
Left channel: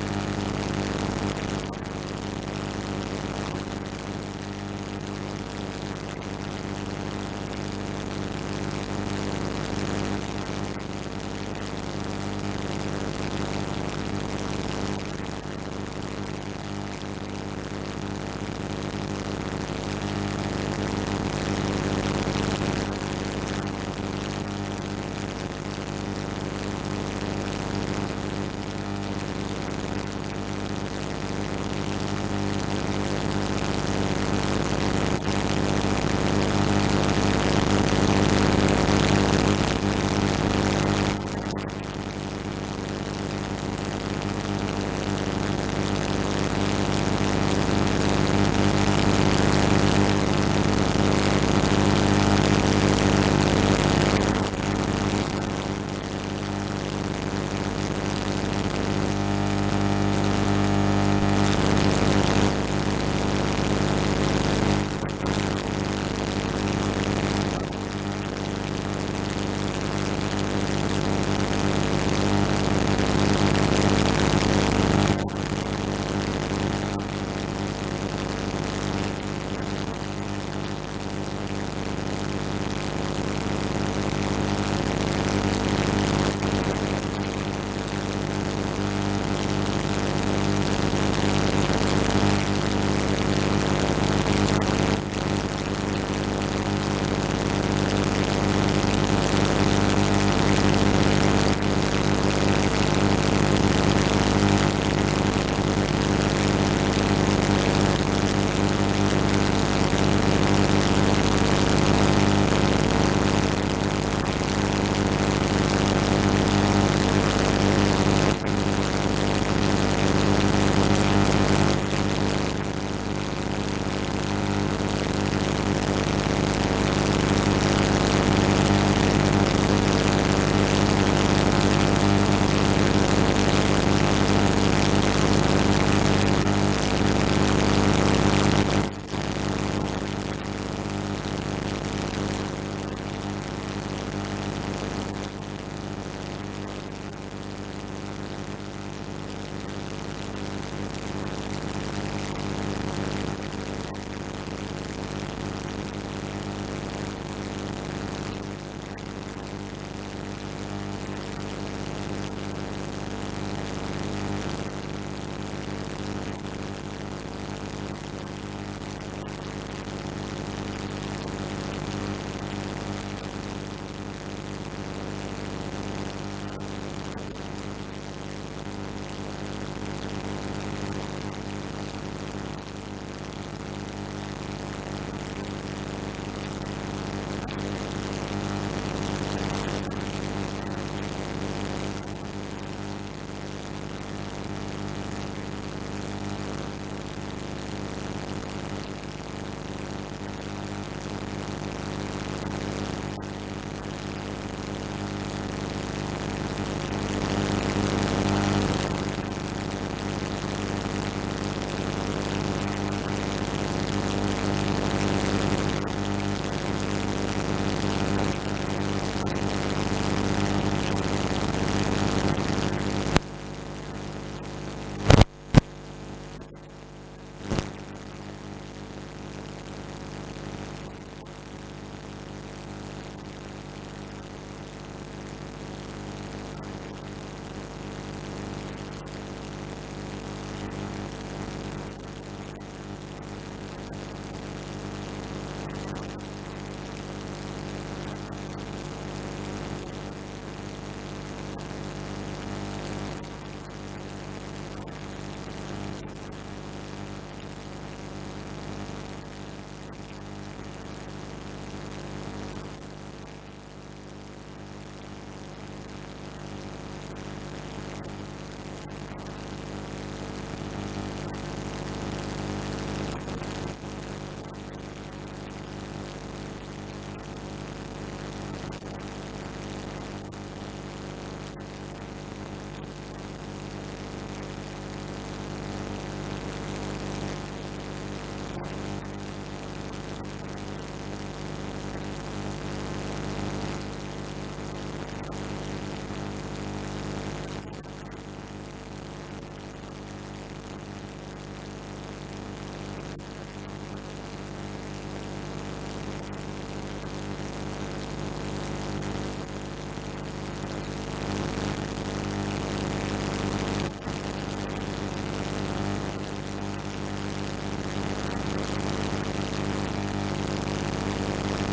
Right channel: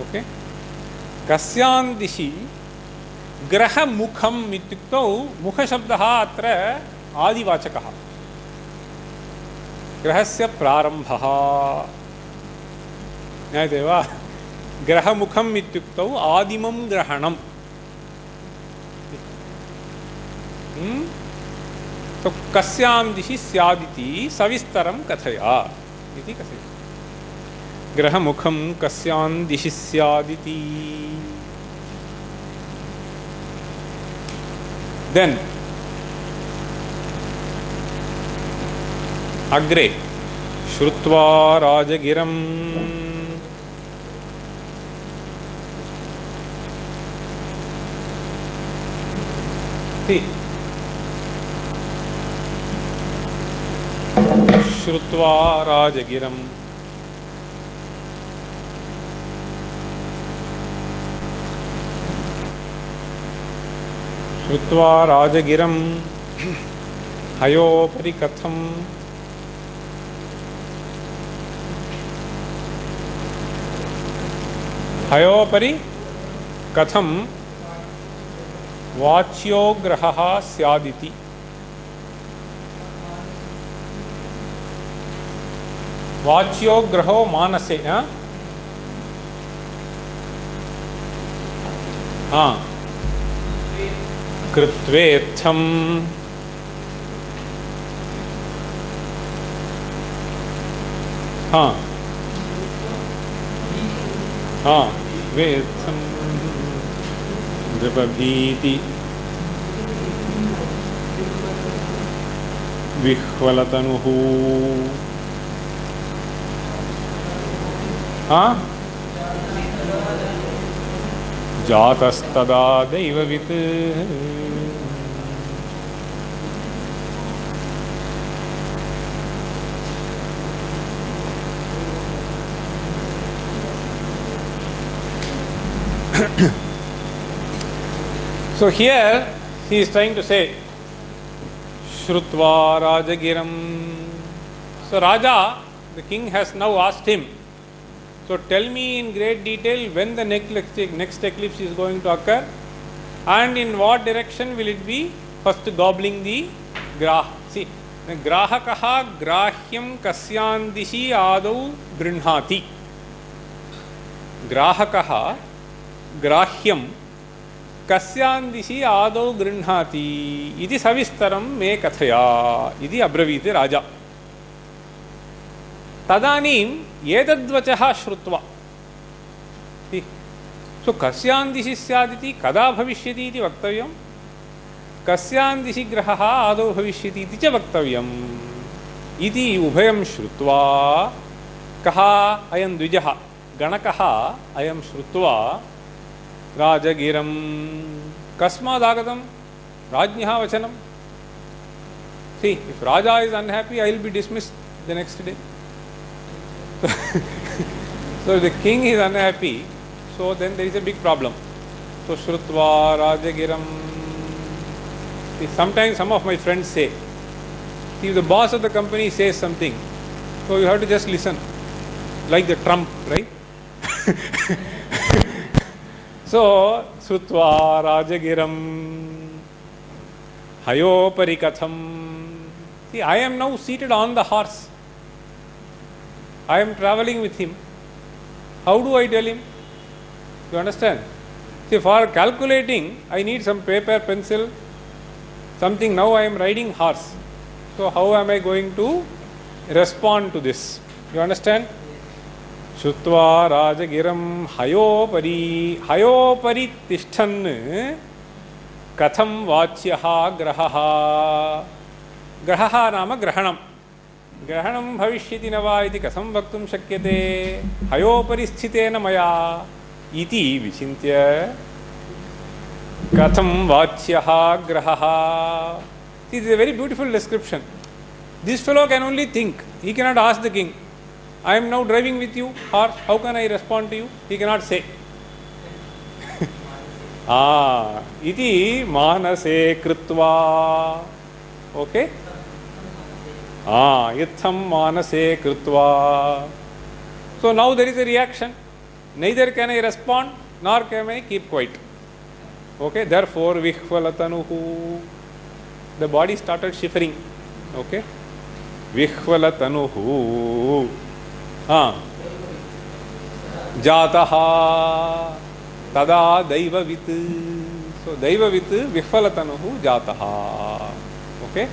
Okay? Kasyan dishi graha mukham ityuktau mukha shabdaha atra adivachakaha. ग्रहस्य प्रारंभः ज्ञायते वा ग्रहमुखम् इत्युक्तौ आदिमं ग्रहणम् तो कस्यां दिशि स्यादिति सविस्तरं कथया ग्रहमुखं कस्यां दिशि स्यादिति देन अग्रे श्रुत्वा राजगिरं श्रुत्वा राजगिरं श्रुत्वा राजगिरं हयोपरि कथं हयोपरि कथं वाच्यो ग्रहः स्यादिति वाच्यो ग्रहो मानसे कृत्वेर्थं द्रवभीति विह्वलतनुः जातस्तदा दैववित् So here he is trying to say Shrutva Rajagiram. So Raja, the king has now asked him, so tell me in great detail when the next eclipse is going to occur and in what direction will it be. First gobbling the grah. See, grahakaha grahyam kasyan dishi adau grinhati. Grahakaha grahyam kasyan dishi adau grinhati iti savistaram me kathaya iti abraviti Raja. Tadanim एतद्वचः श्रुत्वा तो कस्यां दिशि स्यादिति कदा भविष्यति इति वक्तव्यं कस्यां दिशि ग्रहः आदौ भविष्यति इति च वक्तव्यम् इति उभयं श्रुत्वा कः अयं द्विजः गणकः अयं श्रुत्वा राजगिरं कस्मादागतं राज्ञः वचनं See, Raja is unhappy, I will be dismissed the next day. So the king is unhappy, so then there is a big problem. So Shrutva Rajagiram. Sometimes some of my friends say, if the boss of the company says something, so you have to just listen, like the Trump, right? So Shrutva Rajagiram Hayopari Katham. See, I am now seated on the horse. I am traveling with him. How do I tell him? You understand? See, for calculating, I need some paper, pencil, something. Now I am riding horse. So how am I going to respond to this? You understand? Shutva Rajagiram Hayopari Tishthan Katham Vachyaha Grahaha. Grahaha Nama Grahanam. ग्रहणं भविष्यति न वा इति कथं वक्तुं शक्यते हयोपरिस्थितेन मया इति विचिन्त्य कथं वाच्यः ग्रहः. It is a very beautiful description. This fellow can only think. He cannot ask the king, I am now driving with you, or how can I respond to you? He cannot say. Iti manase krutva. Okay? Yitham manase krutva. So now there is a reaction. Neither can I respond nor can I keep quiet. Okay, therefore vihvalatanuhu. The body started shivering. Okay, vihvalatanuhu. Jataha tada daivavit. So daivavit vihvalatanuhu jataha. Okay.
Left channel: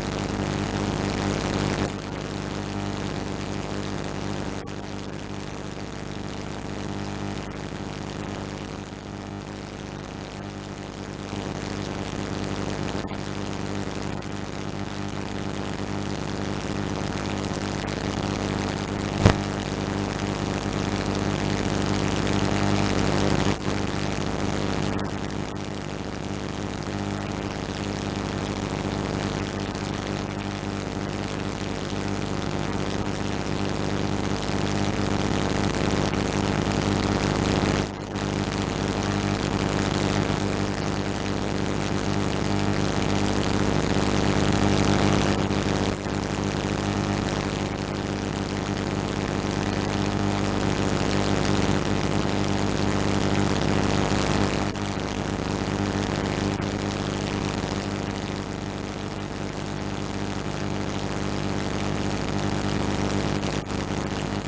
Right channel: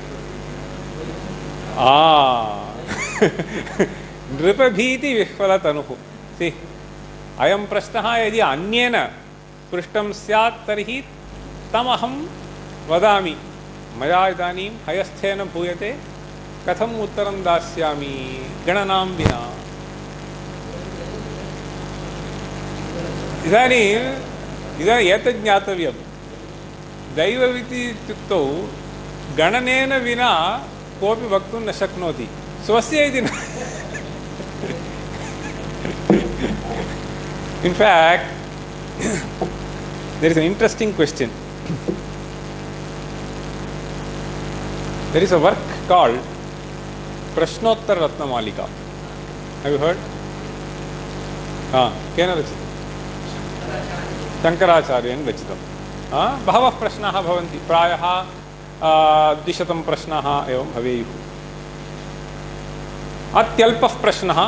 Dvipabhiti vihvalatanuhu. See, ayam prashnaha yadi anyena पृष्टं स्यात् तर्हि तमहं वदामि मया इदानीं हयस्थेन भूयते कथम् उत्तरं दास्यामि गणनां विना. इदानीं एतत् ज्ञातव्यं दैवविधि इत्युक्तौ गणनेन विना कोऽपि वक्तुं न शक्नोति स्वस्य इति न. In fact, there is an interesting question. There is a work called Prashnottara Ratnamalika. Have you heard? केन रचितं? शङ्कराचार्येण रचितं. बहवः प्रश्नाः भवन्ति. प्रायः 200 प्रश्नाः एवं भवेयुः. अत्यल्पः प्रश्नः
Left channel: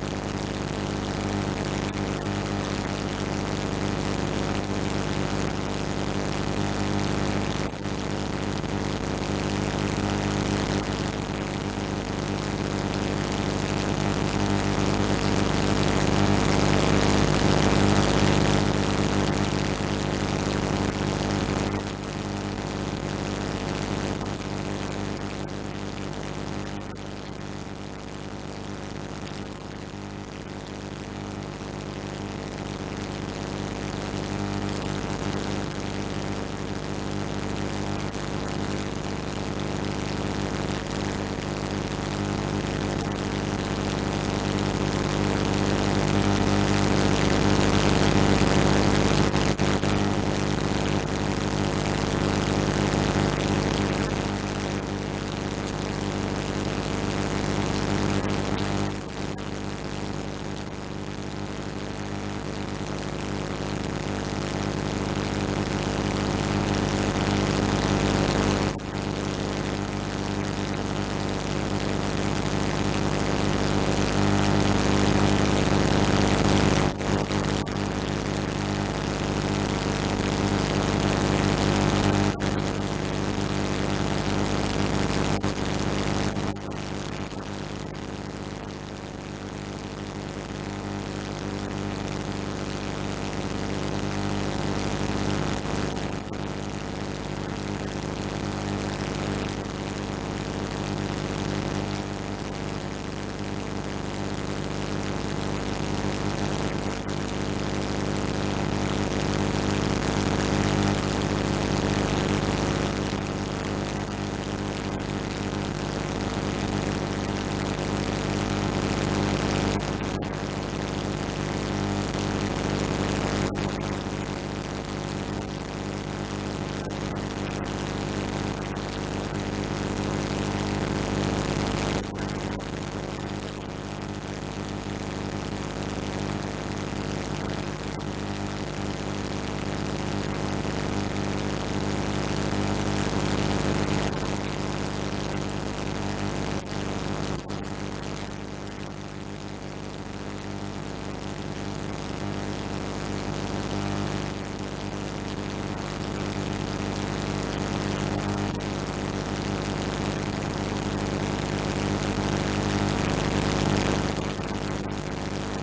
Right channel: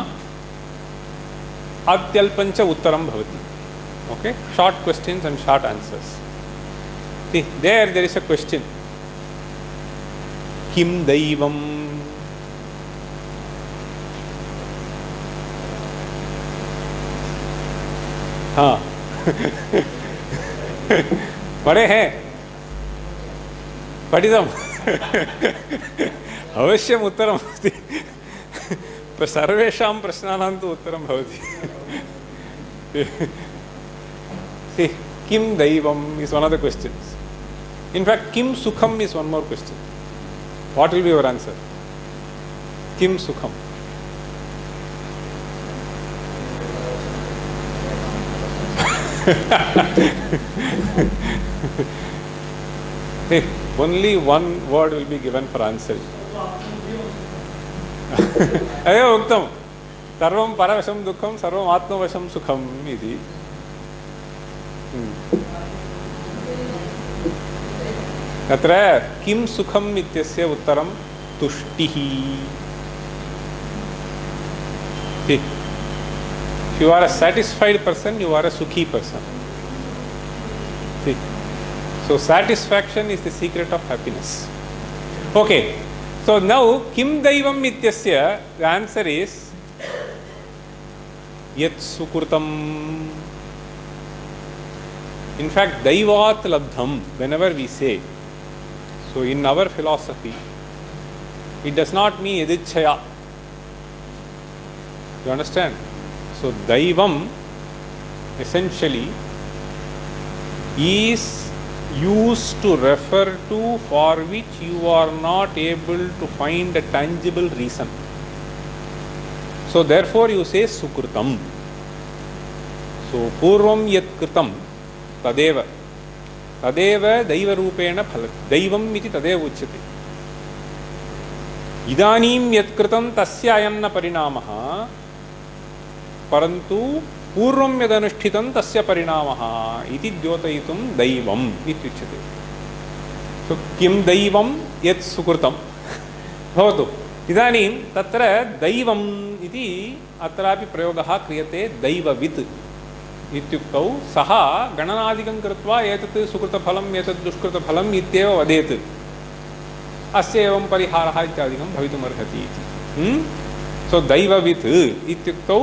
अत्यल्पं च उत्तरं भवति. Okay, short questions and short answers. See, there is a question. Kim Daivam? पढ़े हैं? पठितम्? अवश्यम् उत्तरं भवति. सर्वेषां प्रश्नानां तु उत्तरं भवति. Kim Daivam is one of the questions. In fact, Kim Sukham is one more question. What will be your answer? Kim Sukham. only one word will be given for answer. अयो उक्तं सर्वं परवशं दुःखं सर्वम् आत्मवशं सुखम् इति. अत्र किं सुखम् इत्यस्य उत्तरं तुष्टिः. If you are a satisfied person, you are a sukhi person. So satisfaction is the secret of happiness. Okay. So now kim daivam ityasya, the answer is yat sukrutam. In fact, daivat labdham, whenever we say, so in our philosophy, it does not mean yadichaya. You understand? So daivam essentially is used to refer to for which you are not able to find a tangible reason. So therefore you say sukrutam. So purvam yat kritam tadeva daiva rupena phalati. Daivam iti tadeva uchyate. Idanim yat kritam tasya ayam na parinamaha परंतु पूर्वं यदनुष्ठितं तस्य परिणामः इति द्योतयितुं दैवम् इत्युच्यते. तो किं दैवं यत् सुकृतं भवतु. इदानीं तत्र दैवम् इति अत्रापि प्रयोगः क्रियते. दैववित् इत्युक्तौ सः गणनादिकं कृत्वा एतत् सुकृतफलम् एतत् दुष्कृतफलम् इत्येव वदेत्. अस्य एवं परिहारः इत्यादिकं भवितुमर्हति. तो दैववित् इत्युक्तौ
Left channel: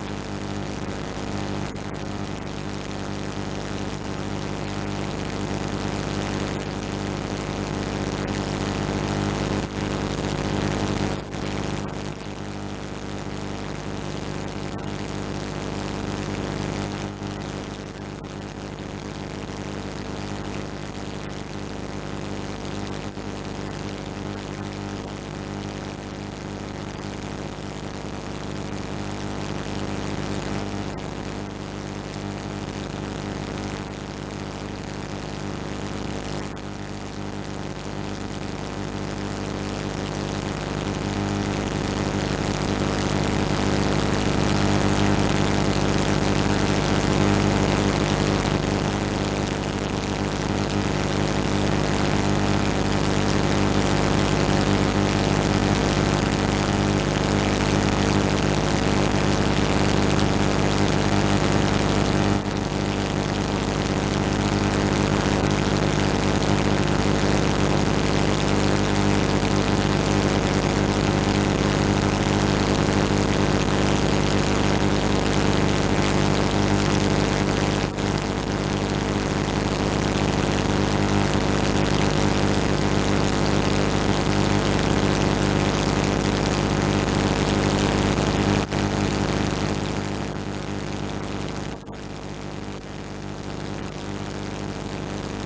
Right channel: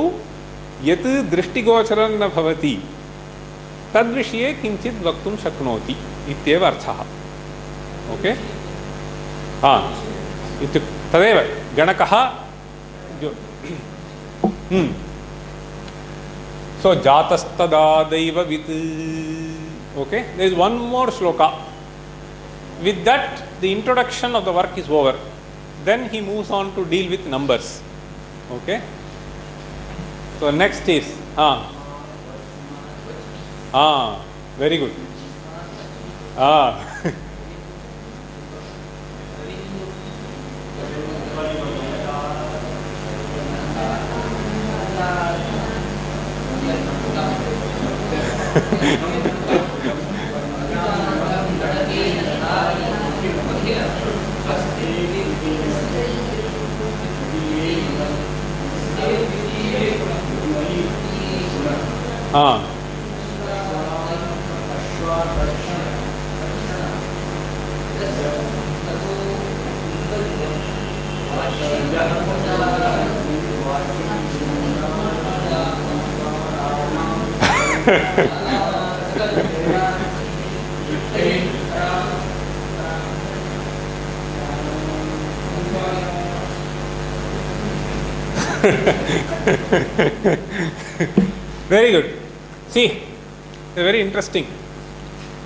यत् दृष्टिगोचरं न भवति तद्विषये किञ्चित् वक्तुं शक्नोति इत्येव अर्थः. ओके. तदेव गणकः. सो जातस्तदा दैववित्. Okay. There is one more shloka. With that the introduction of the work is over. Then he moves on to deal with numbers. Okay. So next is very good. Very good. See, very interesting.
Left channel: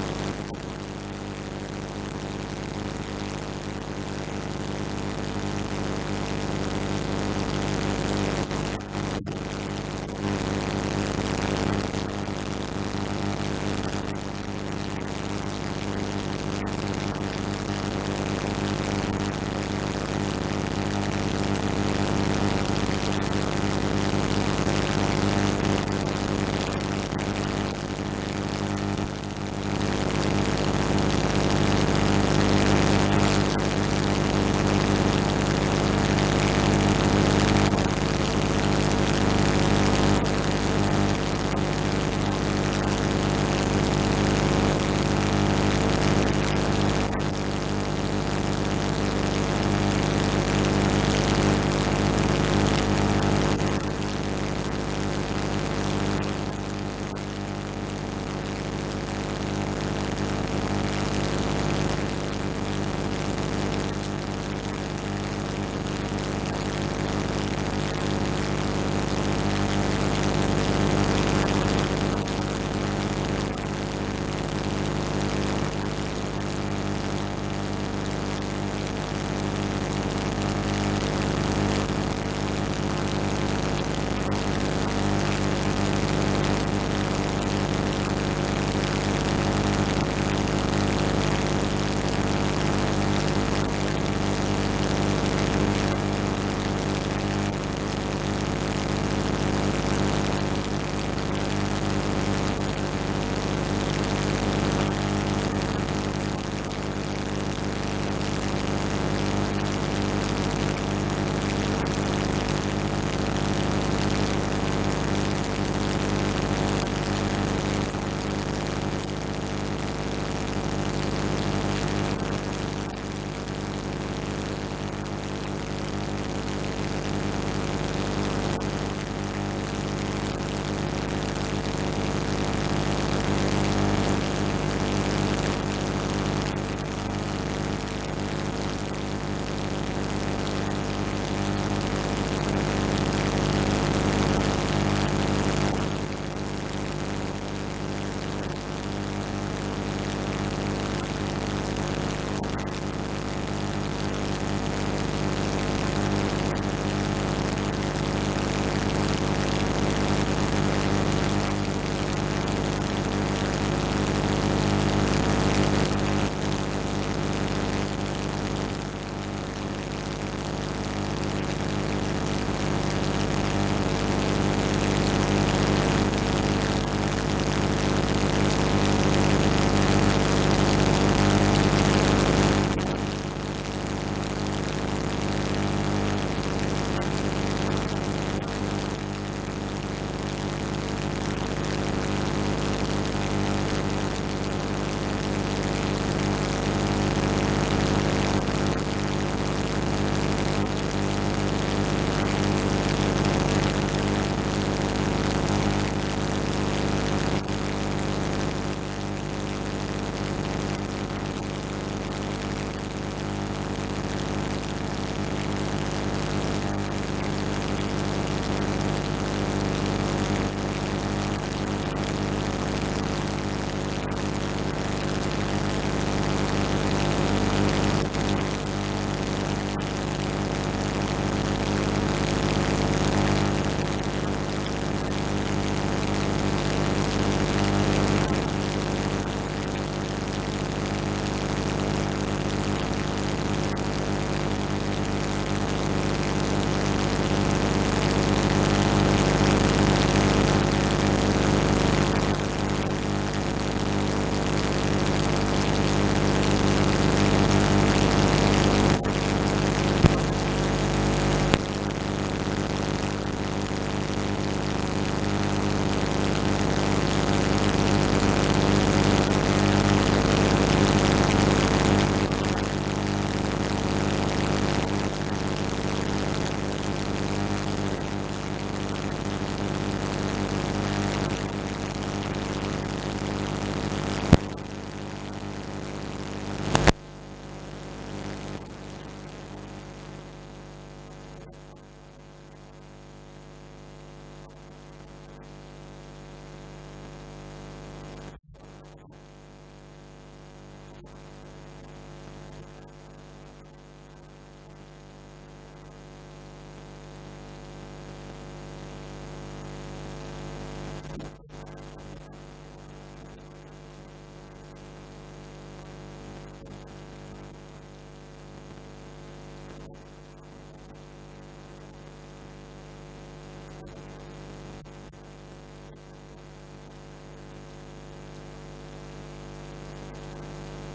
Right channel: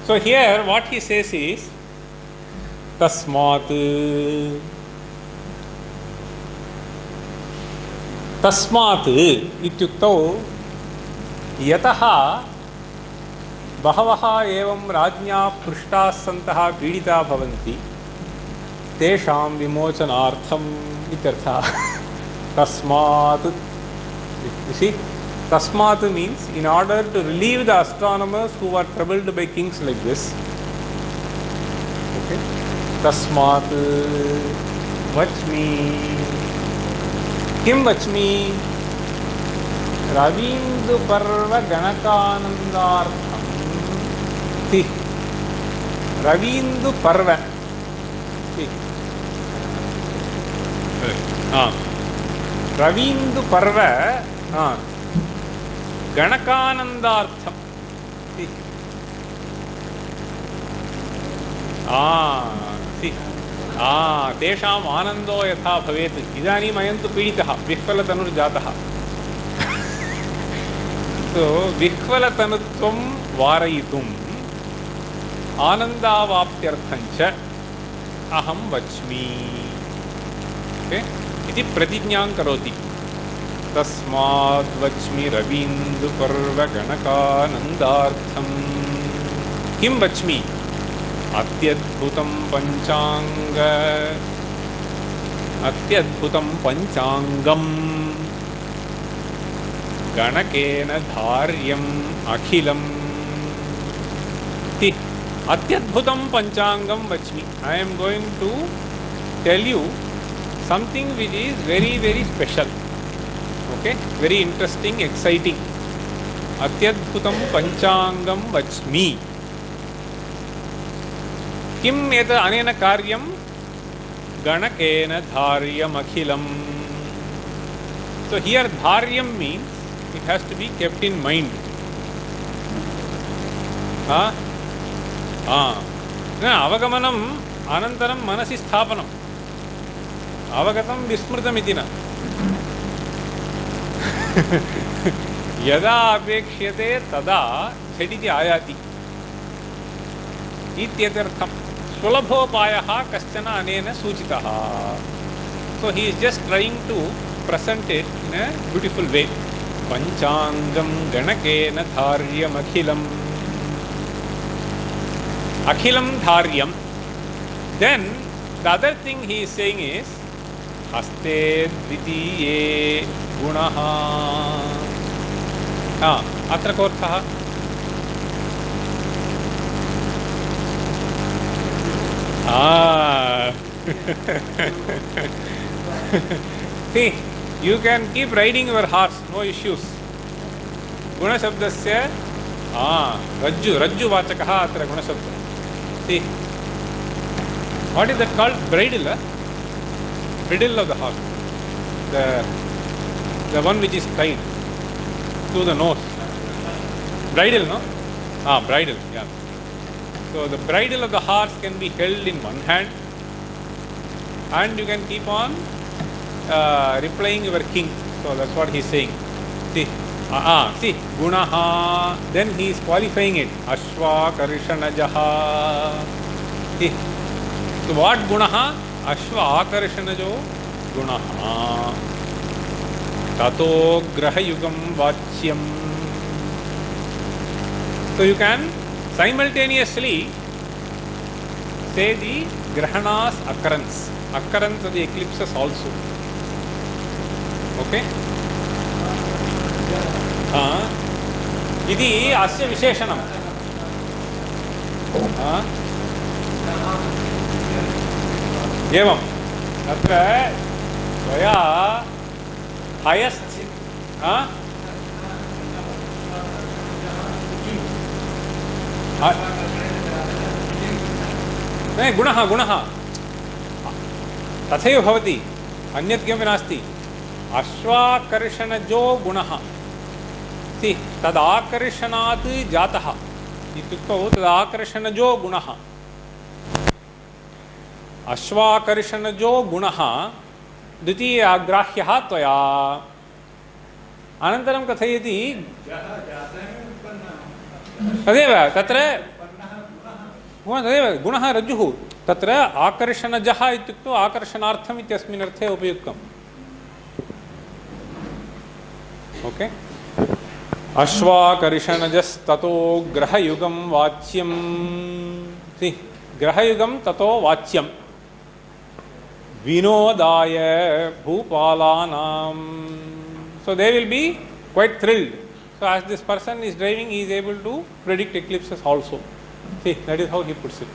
So here what he says is tasmat इत्युक्तौ यतः बहवः एवं राज्ञा पृष्टाः सन्तः पीडिताः भवन्ति तेषां विमोचनार्थम् इत्यर्थः. तस्मात्. Tasmat means in order to relieve the astronomers who are troubled by kings like this. Tasmat vachmi. Kim vachmi? Ravindu parva janakanandarthi. Ravindu parva. Ravindu parva. गणकानंदार्थम. तेषाम् आनंदो यथा भवेत्. इदानीम् अयं तु पीडितः विह्वलतनुर्जातः. तो विह्वलतनुत्वं वारयितुम् आनन्दावाप्त्यर्थं च अहं वच्मि इति प्रतिज्ञां करोति. तस्मात् वच्मि रवीन्द्रपर्वगणकानन्दार्थम्. किं वच्मि? अत्यद्भुतं पञ्चाङ्गम् गणकेन धार्यम् अखिलम् इति अत्यद्भुतं पञ्चाङ्गं वच्मि. I am going to tell you something which is very, very special. Okay, very interesting, exciting. अत्यद्भुतं पञ्चाङ्गं वच्मि. किम् एतत् अनेन कार्यं? गणकेन धार्यमखिलम्. So here dharyam means it has to be kept in mind. अवगमनम् अनन्तरं मनसि स्थापनम्. अवगतं विस्मृतमिति न. यदा अपेक्ष्यते तदा झटिति आयाति इत्यर्थम्. सुलभोपायः कश्चन अनेन सूचितः. So he is just trying to present it in a beautiful way. Panchangam ganakena dharyam akhilam. Akhilam dharyam. Then the other thing he is saying is aste titiye gunaha. Atra korthah. See, you can keep riding your horse, no issues. Guna shabdasya rajju vachakah atra guna shabda. See, what is that called? Bridle, bridle of the horse. The one which is tied to the nose. Bridle, no? Bridle, yeah. So the bridle of the horse can be held in one hand, and you can keep on replying your king. So that's what he is saying. See, see, gunaha. Then he is qualifying it. Ashwa karishanajaha. See, so what gunaha? Ashwa karishanajo gunaha. Tato grahayugam vachyam. So you can simultaneously say the grahana's occurrence of the eclipses also. Okay? इति अस्य विशेषणम्. एवम् अत्र मया हयस्ट् गुणः तथैव भवति, अन्यत् किमपि नास्ति. अश्वाकर्षणजो गुणः इति तदाकर्षणात् जातः इत्युक्तौ तदाकर्षणजो गुणः. अश्वाकर्षणजो गुणः द्वितीयाग्राह्यः त्वया. अनन्तरं कथयति तदेव तत्र तदेव गुणः रज्जुः. तत्र आकर्षणजः इत्युक्तौ आकर्षणार्थम् इत्यस्मिन् अर्थे उपयुक्तम्. ओके. अश्वाकर्षणजस्ततो ग्रहयुगं वाच्यं. ग्रहयुगं ततो वाच्यं. विनोदाय भूपालानां. So they will be quite thrilled. So as this person is driving, he is able to predict eclipses also. See, that is how he puts it.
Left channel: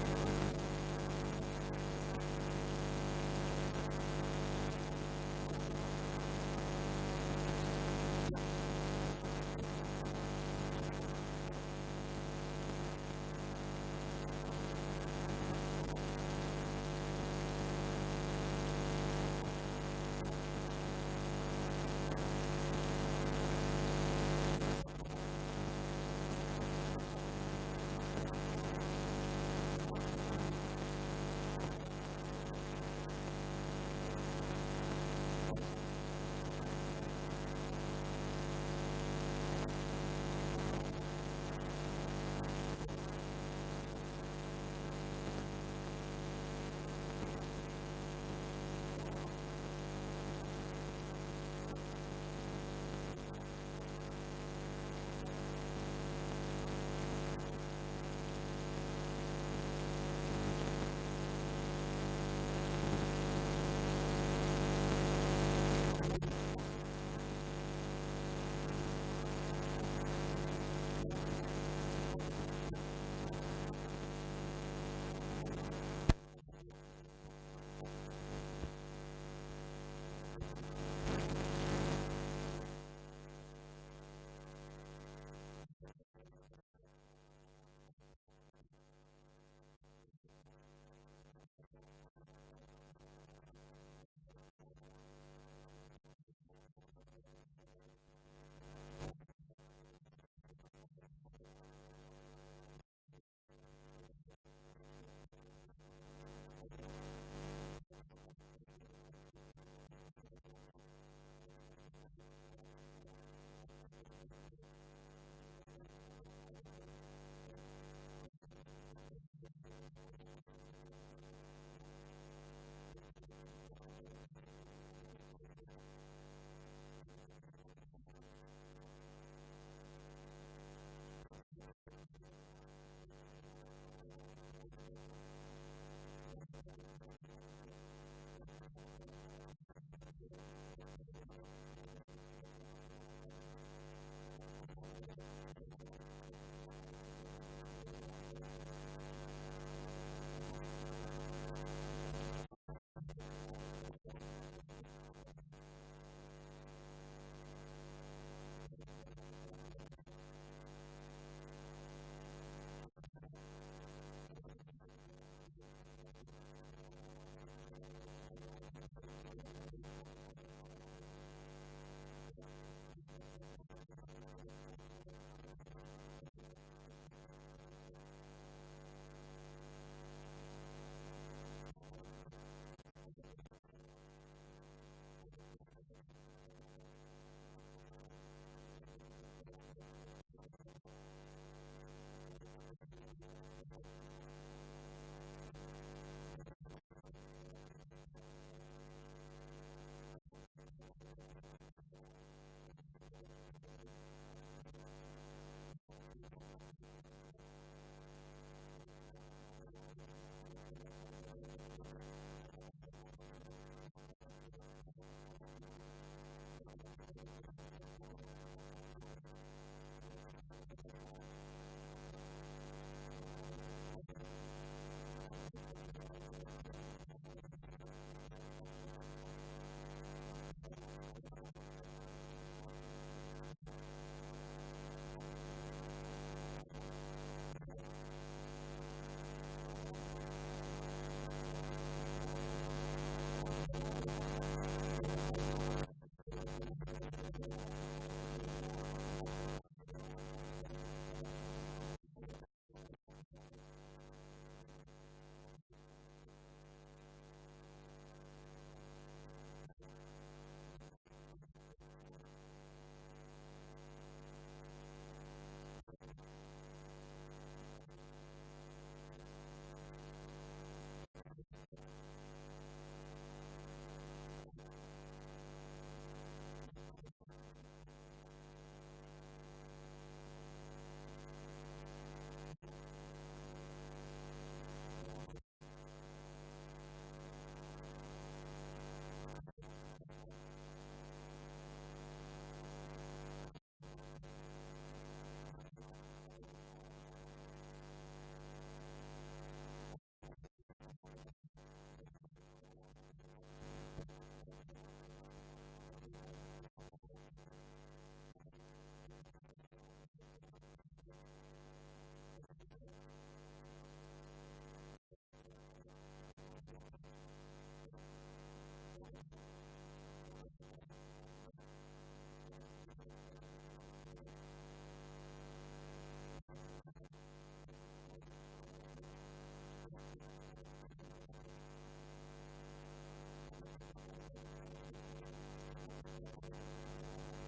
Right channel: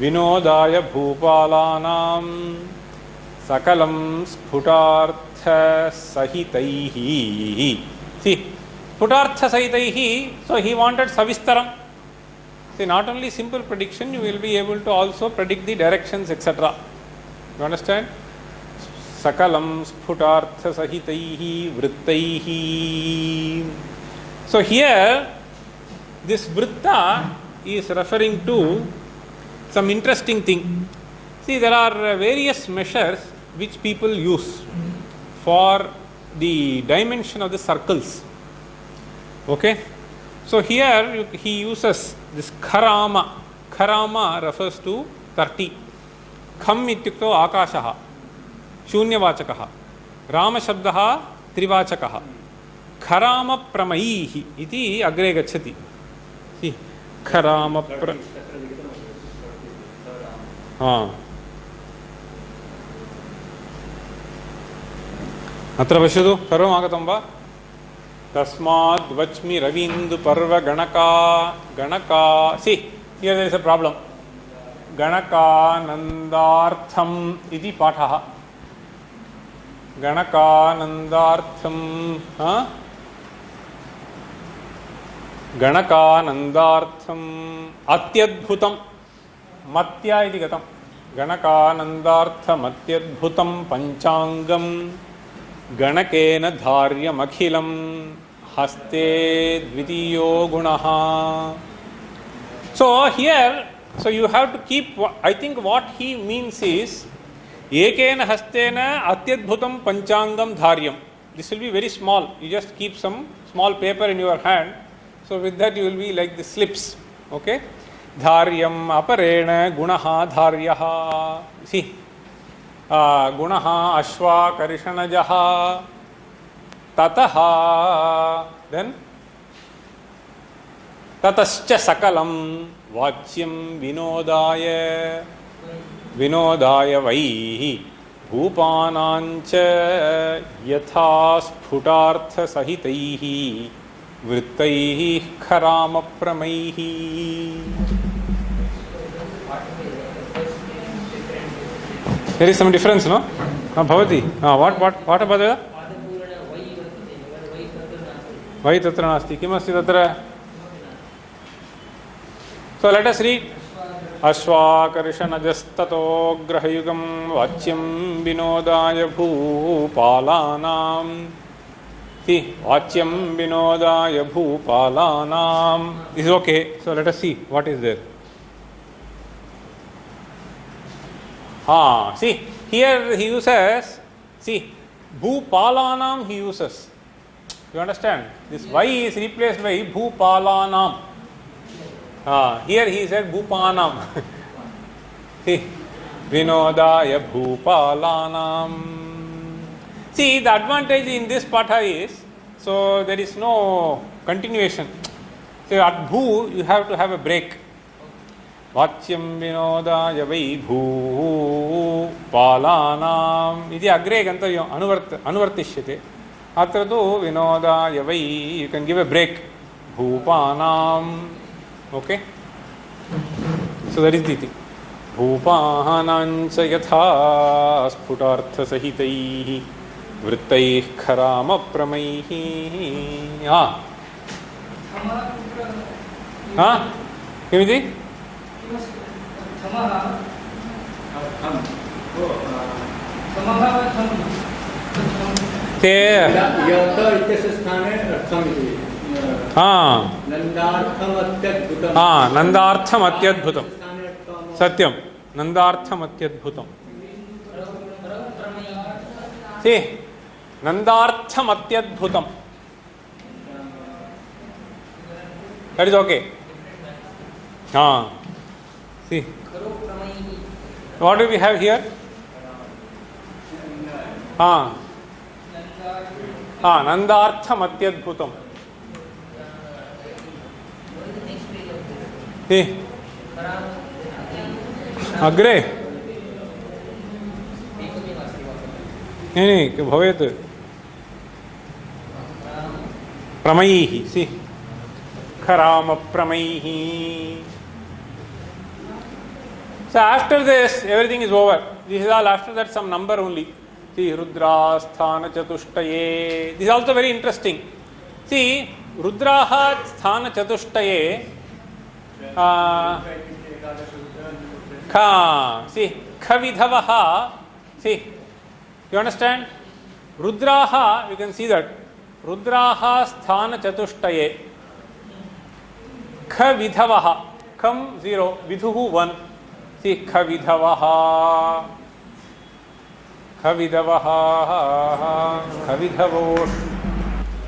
Vinodaya bhupalanam sakalam sphutartha sahitaihi. See, sphutartha sahitaihi, so he wanted savistaram. See, not only simple prediction, you will be able to also predict the directions, etc. You understand? Sakalam sphutartha sahitaihi vrittaihi. So here, this vritta is referring to some interesting thing. See, there are various measures which people use for the dimension of the circles. Okay? So here he uses this kharama. Kharama refers to 30. Kham ityukto akashaha. Shunyavachakaha. Rama shabdaha trivachakaha. Kharama pramaihi iti agre gacchati. See, kharama अत्र पश्यतु सर्वम् आगतं वा? तस्मात् वच्मि रवीन्दु पर्व गणका गणका see here there is a problem गणकानन्दार्थम् इति पाठः गणकानन्दार्थम् गणकानन्दार्थम् अत्यद्भुतं मत्या इति गतं गणकानन्दार्थमत्यद्भुतं पञ्चाङ्गं गणकेन धार्यमखिलं हस्ते द्वितीयो गुणः. So here, so you have to keep, I think what he means is ekena hastena atyadbhutam panchangam dharyam. This will be very small. You just keep some small paper in your hand. So with that you will be like the slips. Okay? Dharyam aparena gunaha dharyaha. See. Gunaha ashva karishanajaha tataha, then tatascha sakalam vachyam vinodaya vaihi bhupanancha yatha sphutartha sahitaihi vrittaihi kharama pramaihi. There is some difference, no? Bhavati. What about that? Why tatra nasti? Kimasti tatra? So let us read. Ashvakarishanajastato grahayugam vachyam vinodaya bhupalanam. See, vachyam vinodaya bhupalanam. This is okay. So let us see what is there. See, here he uses, see, bhupalanam he uses. You understand? This Y is replaced by bhupalanam. Here he said bhupanam. See, vinodaya bhupalanam. See, the advantage in this patha is, so there is no continuation. So at bhu, you have to have a break. Vachyam vinodaya vai bhu palanam iti agre gantavya anuvartishyate. Atra tu vinodaya vai, you can give a break. Bhupanam. Okay? So that is the thing. Bhupanancha yatha sphutartha sahitaihi vrittaih kharama pramaihi. Kimiti? नंदार्थम अत्यद्भुतम Satyam नंदार्थम अत्यद्भुतम see नंदार्थम अत्यद्भुतम that is okay. See what do we have here? नंदार्थम अत्यद्भुतम. अग्रे नहीं भवेत् प्रमैः. सी खराम प्रमैः. So after this everything is over. This is all after that some number only. See Rudra Sthana Chatushtaye. This is also very interesting. See Rudraha Sthana Chatushtaye. See Khavidhavaha. See, you understand? Rudraha, you can see that. Rudraha Sthana Chatushtaye. Khavidhavaha. Kham 0, Vidhuhu 1. See Khavidhavaha. Khavidhavaha. Khavidhavosh.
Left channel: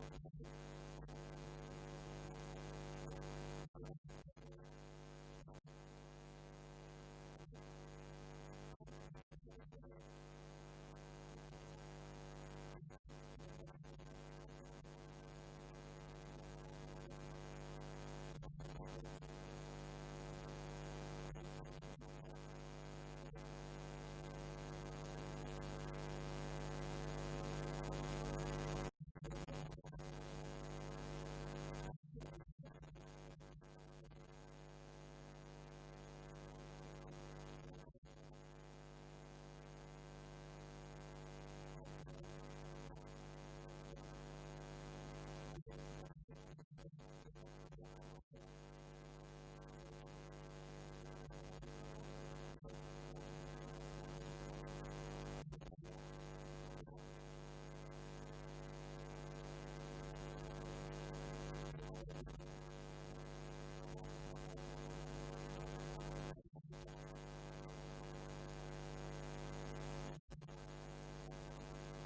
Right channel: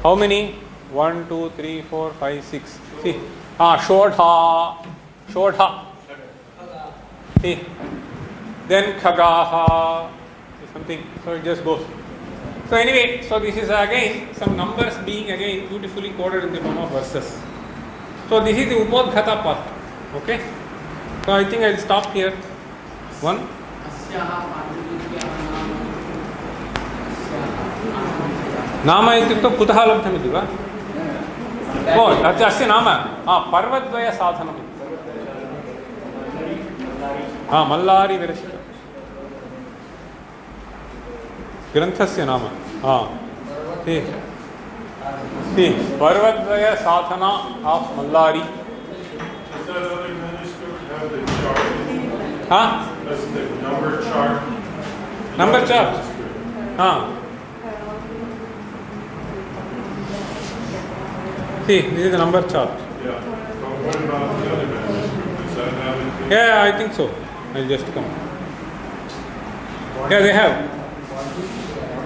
How many? 1, 2, 3, 4, 5, 6. See. Shodha. Shodha. See. Then Khagaha. Something. So it just goes. So anyway, so this is again some numbers being again beautifully coded in the form of verses. So this is the Upodghata part. Okay. So I think I will stop here. One. नाम इत्युक्तौ कुतः लब्धमिति वा? ओ अस्य नाम पर्वद्वयसाधनम्। मल्लारी विरचित ग्रन्थस्य नाम पर्वद्वय साधना of Mallari. Number chart See, this is the number chart. Yeah. But what about the other manuscript? Does that have it? Yeah, I think so. I'll just come. Yeah, they have.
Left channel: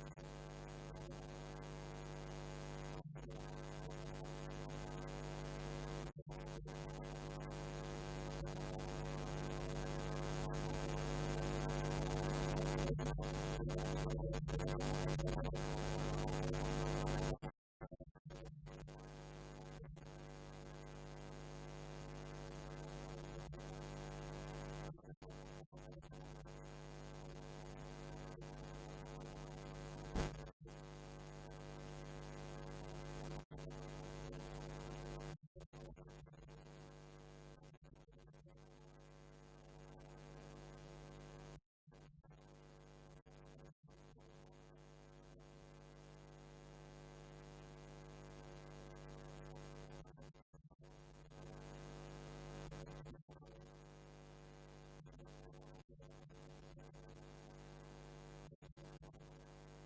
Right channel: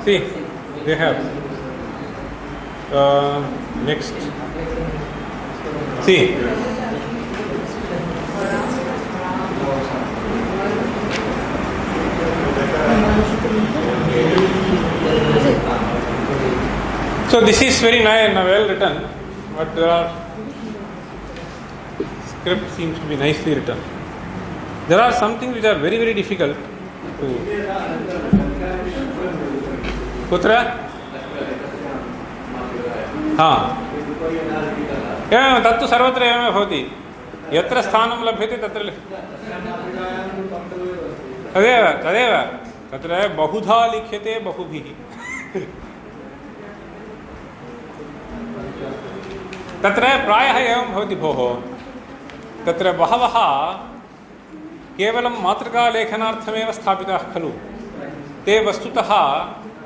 See, they have. Next. See. So this is very nice and well written, but script seems to be nicely written. There are some things which are very, very difficult to. Kutra? एवं तत्तु सर्वत्र एवमेव भवति। यत्र स्थानं लभ्यते तत्र तदेव तदेव तत्र बहुधा लिख्यते बहुभिः। तत्र प्रायः एवं भवति भोः, तत्र बहवः केवलं मातृकालेखनार्थमेव स्थापिताः खलु, ते वस्तुतः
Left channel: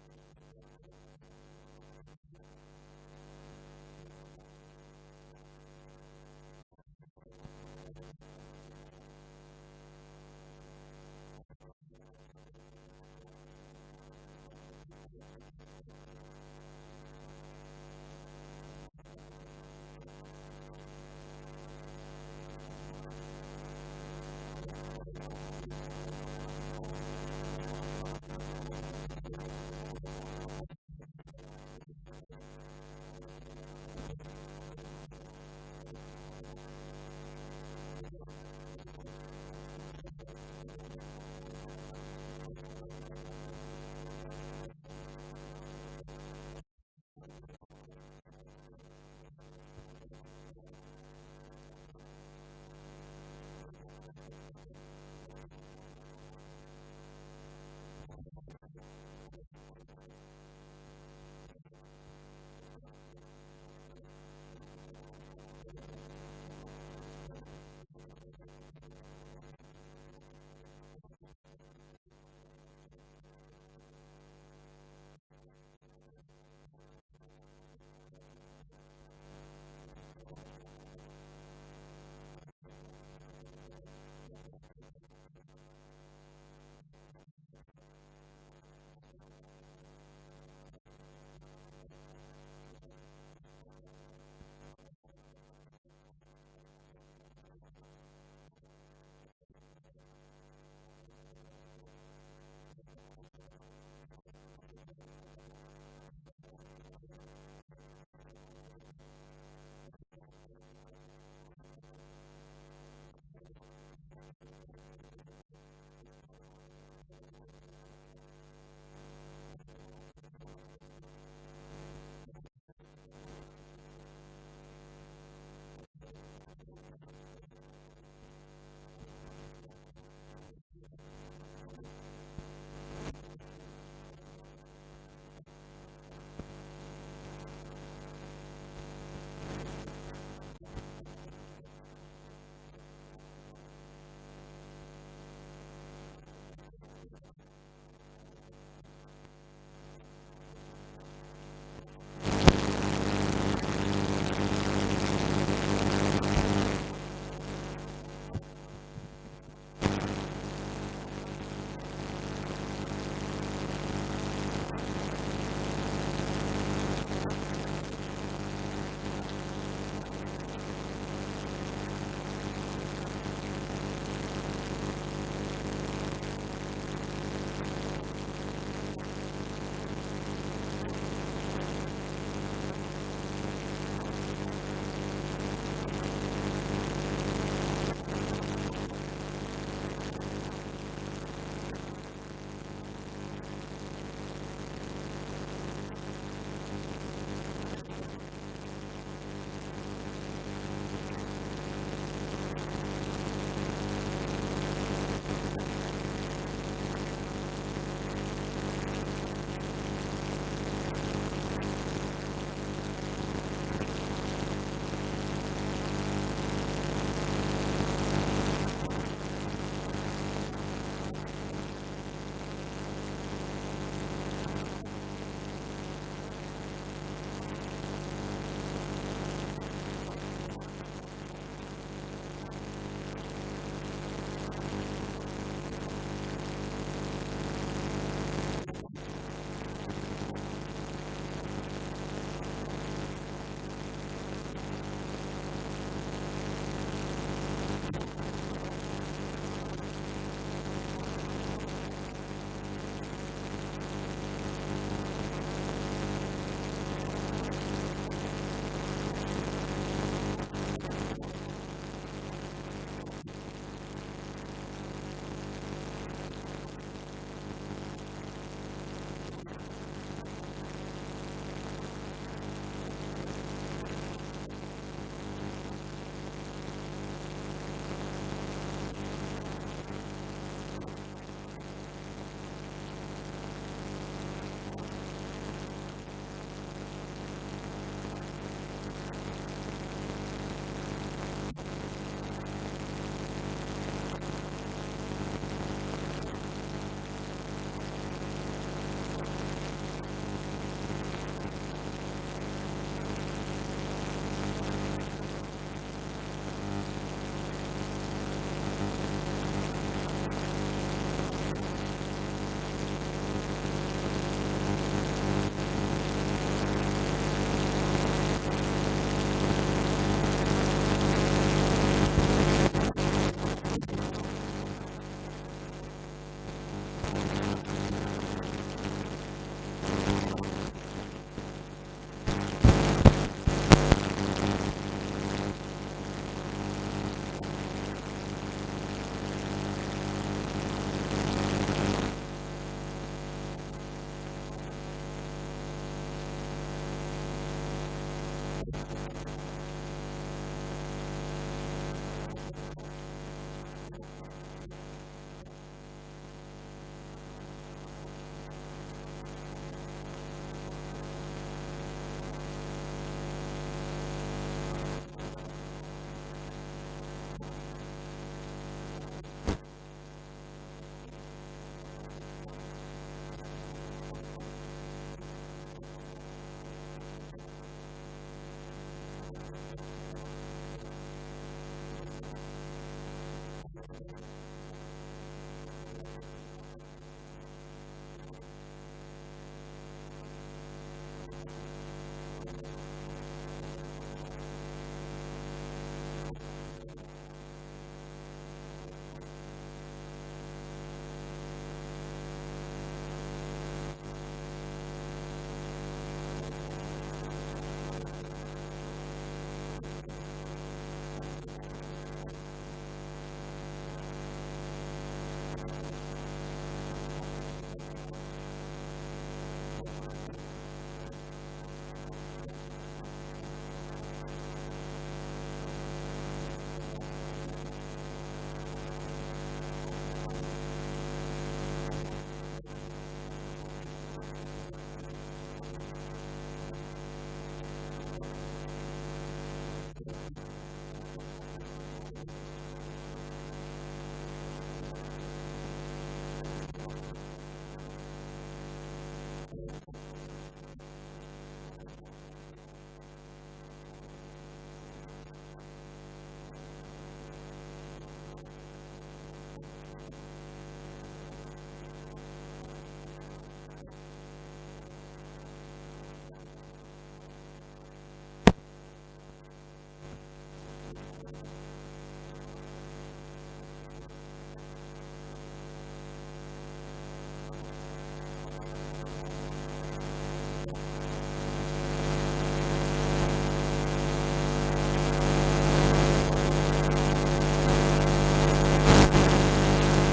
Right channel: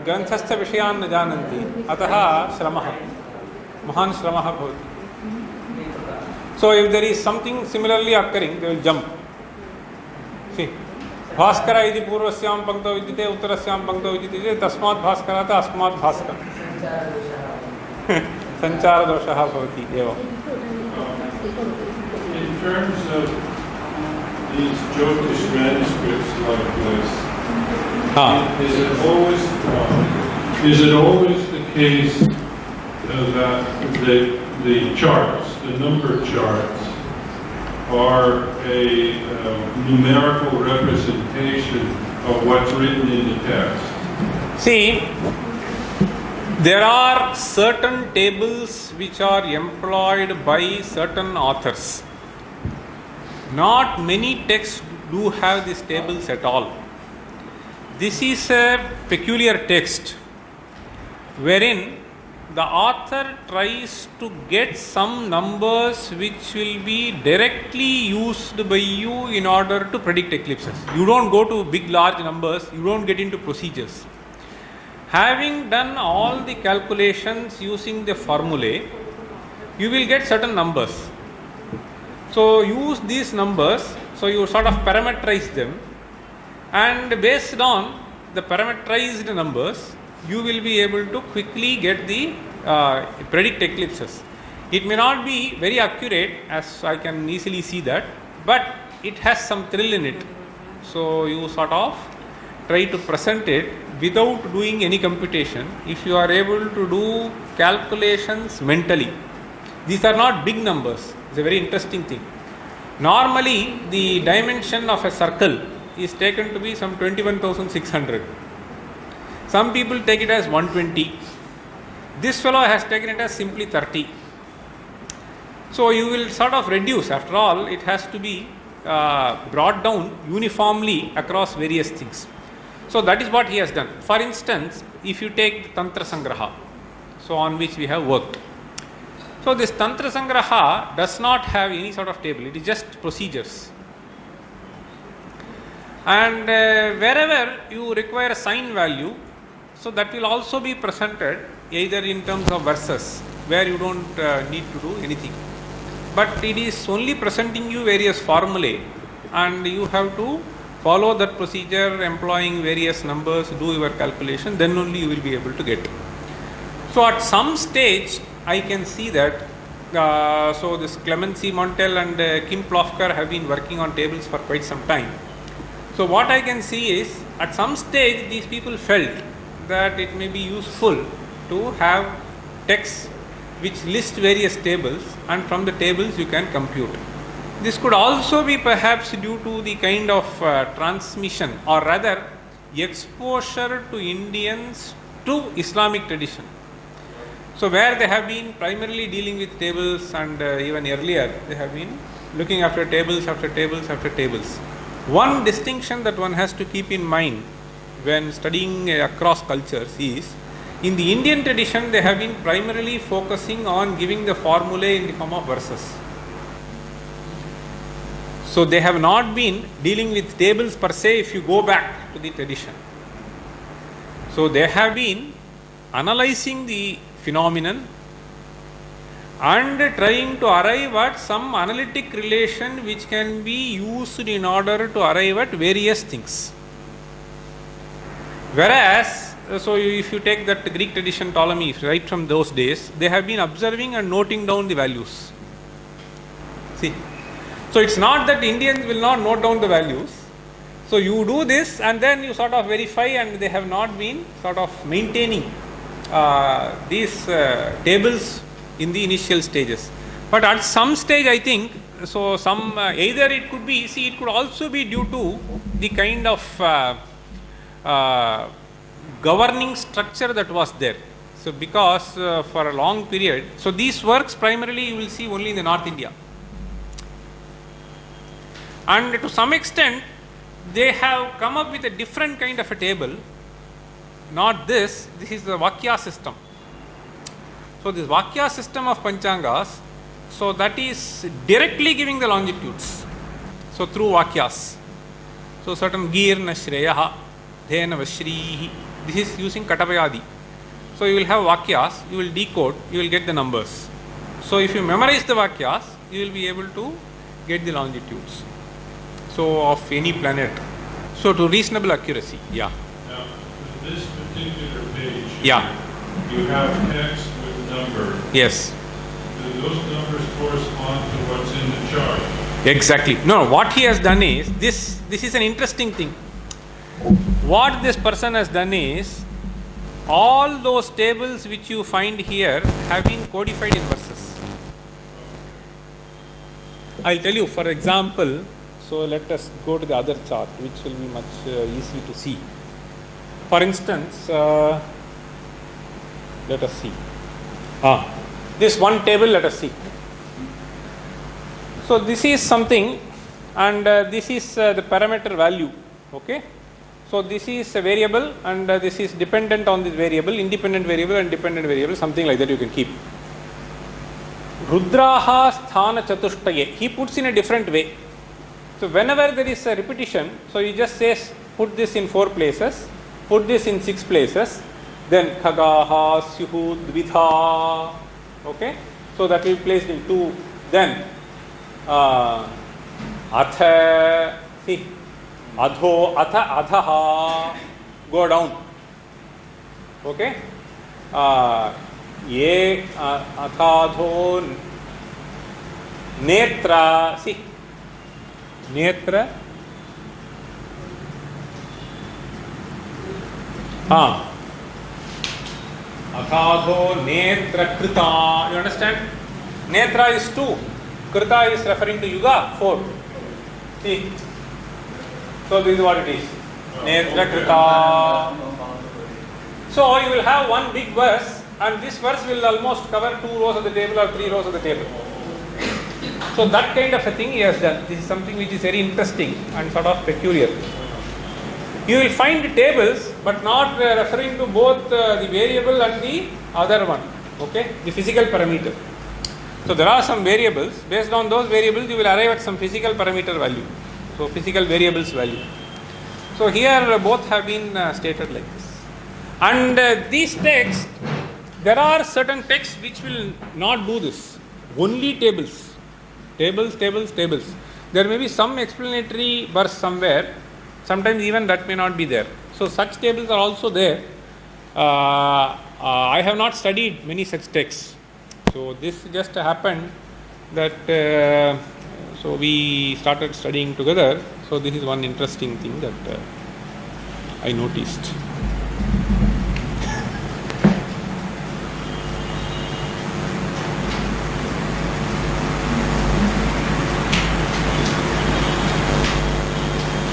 ग्रन्थस्थविषयान् न जानन्ति, अतः श्रमः महान् श्रमः भवति। So if there is something similarly occurring, they will jump. See, Bhaskar इति पूर्वस्यां पंक्तौ विद्यते उत्तरस्यां पंक्तौ विद्यते तस्मात् भास्करात् अस्मात् भास्कर संचारदोषः भवति एवम्। In terms of these Jyotish manuscripts like this, is it always the case that the charts, the number charts, are a numerical representation of what's written in the text? See, there are certain tables which are employed by certain authors. Not many texts do have these tables at all. This is a peculiar text wherein the author tries to get some numbers which will be directly used by you in order to predict eclipses. You don't go to big large numbers, you don't get into procedures. Having done all the calculations using the formulae, you will get certain numbers. So use these numbers, so you sort of parameterize them, and based on the parameterized numbers, you will be able to quickly get the predict eclipses. It may not be very accurate, as I can easily see that, but it has some thrill in it. So you sort of try to present it without doing any computation. If you are able to do calculations mentally, these are not big numbers. It's a very interesting thing. Normally, the dimension of a circle is taken to be some 21,600. Some people take it as 120. This fellow has taken it as simply 30. So you will sort of reduce. After all, it has to be brought down uniformly across various things. So that is what he has done. For instance, if you take Tantra Sangraha, so on which we have worked. So this Tantra Sangraha does not have any sort of table. It is just procedures. And wherever you require a sign value, so that will also be presented either in terms of verses, where you don't need to do anything. But it is only presenting you various formulae, and you have to follow that procedure, employing various numbers, do your calculation, then only you will be able to get it. So at some stage, I can see that, so this Clemency Montel and Kim Plofker have been working on tables for quite some time. So what I can see is, at some stage, these people felt that it may be useful to have texts which list various tables, and from the tables you can compute. this could also be perhaps due to the kind of transmission, or rather exposure to Indians to Islamic tradition. So where they have been primarily dealing with tables, and even earlier they have been looking after tables after tables after tables. One distinction that one has to keep in mind when studying across cultures is, in the Indian tradition they have been primarily focusing on giving the formulae in the form of verses. So they have not been dealing with tables per se if you go back to the tradition. So they have been analyzing the phenomenon and trying to arrive at some analytic relation which can be used in order to arrive at various things. Whereas, so if you take that Greek tradition, Ptolemy, right from those days, they have been observing and noting down the values. See, so it's not that Indians will not note down the values. So you do this and then you sort of verify, and they have not been sort of maintaining these tables in the initial stages. But at some stage, I think, so some either it could be, see, it could also be due to the kind of governing structure that was there. So because for a long period, so these works primarily you will see only in the North India. And to some extent, they have come up with a different kind of a table. Not this, this is the Vakya system. So this Vakya system of Panchangas, so that is directly giving the longitudes. So through Vakyas. So certain Girna Shreyaha, Dhena Vashrihi, this is using Katavayadi. So you will have Vakyas, you will decode, you will get the numbers. So if you memorize the Vakyas, you will be able to get the longitudes. So of any planet. So to reasonable accuracy, yeah. Now, this particular page, Yeah, you have text with number. yes. Do those numbers correspond to what's in the chart? Exactly. No, what he has done is, this is an interesting thing. What this person has done is, all those tables which you find here have been codified in verses. I'll tell you, for example, so let us go to the other chart, which will be much easy to see. For instance, let us see. This one table, let us see. So this is something, and this is the parameter value. Okay. So this is a variable, and this is dependent on this variable, independent variable and dependent variable, something like that you can keep. Rudraha sthana chatushtaye, he puts in a different way. So whenever there is a repetition, so he just says put this in 4 places, put this in 6 places, then khagaha, syuhu, dvidha, okay. So that will be placed in 2, then atha, see, adho, atha, adhaha, go down, okay. Ye, athadho, netra, see, netra, athadho, netra, krita, you understand? Netra is 2, krita is referring to yuga, 4, see. So this is what it is. Netra krita. So you will have one big verse, and this verse will almost cover 2 rows of the table or 3 rows of the table. So that kind of a thing he has done. This is something which is very interesting and sort of peculiar. You will find tables, but not referring to both the variable and the other one. Okay, the physical parameter. So there are some variables. Based on those variables, you will arrive at some physical parameter value. So physical variables value. So here both have been stated like this. And these texts, there are certain texts which will not do this. Only tables. Tables, tables, tables. There may be some explanatory verse somewhere. Sometimes even that may not be there. So such tables are also there. I have not studied many such texts. So this just happened that so we started studying together. So this is one interesting thing that I noticed.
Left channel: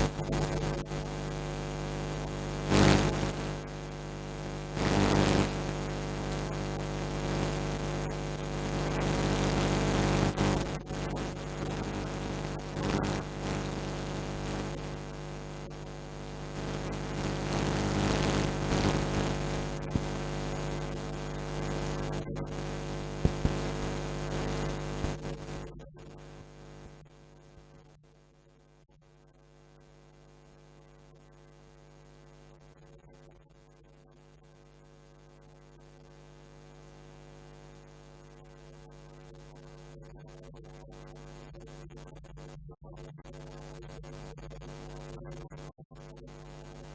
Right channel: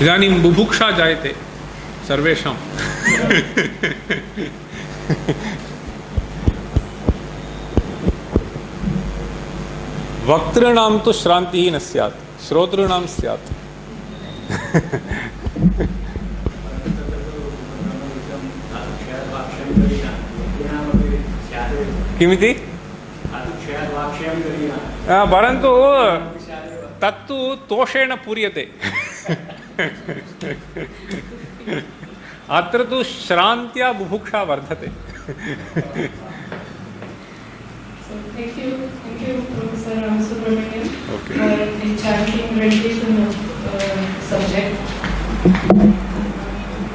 इदानीं बुभुक्षा जायते सर्वेषां वक्तॄणां तु श्रान्तिः न स्यात्, श्रोतॄणां स्यात्। किमिति? परन्तु तत्तु तोषेण पूर्यते। अत्र तु श्रान्त्या बुभुक्षा वर्धते। Thank you, Professor Ramasubramanian, for the enchanting rendition of subject.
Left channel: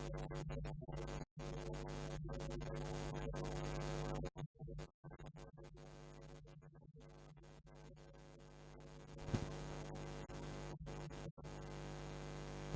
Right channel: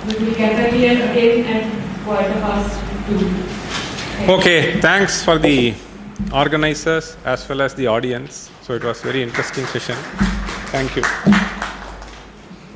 We will gather here again at 2:15. Okay, thanks for the organizers as well as the audience. So it was very interesting session. Thank you.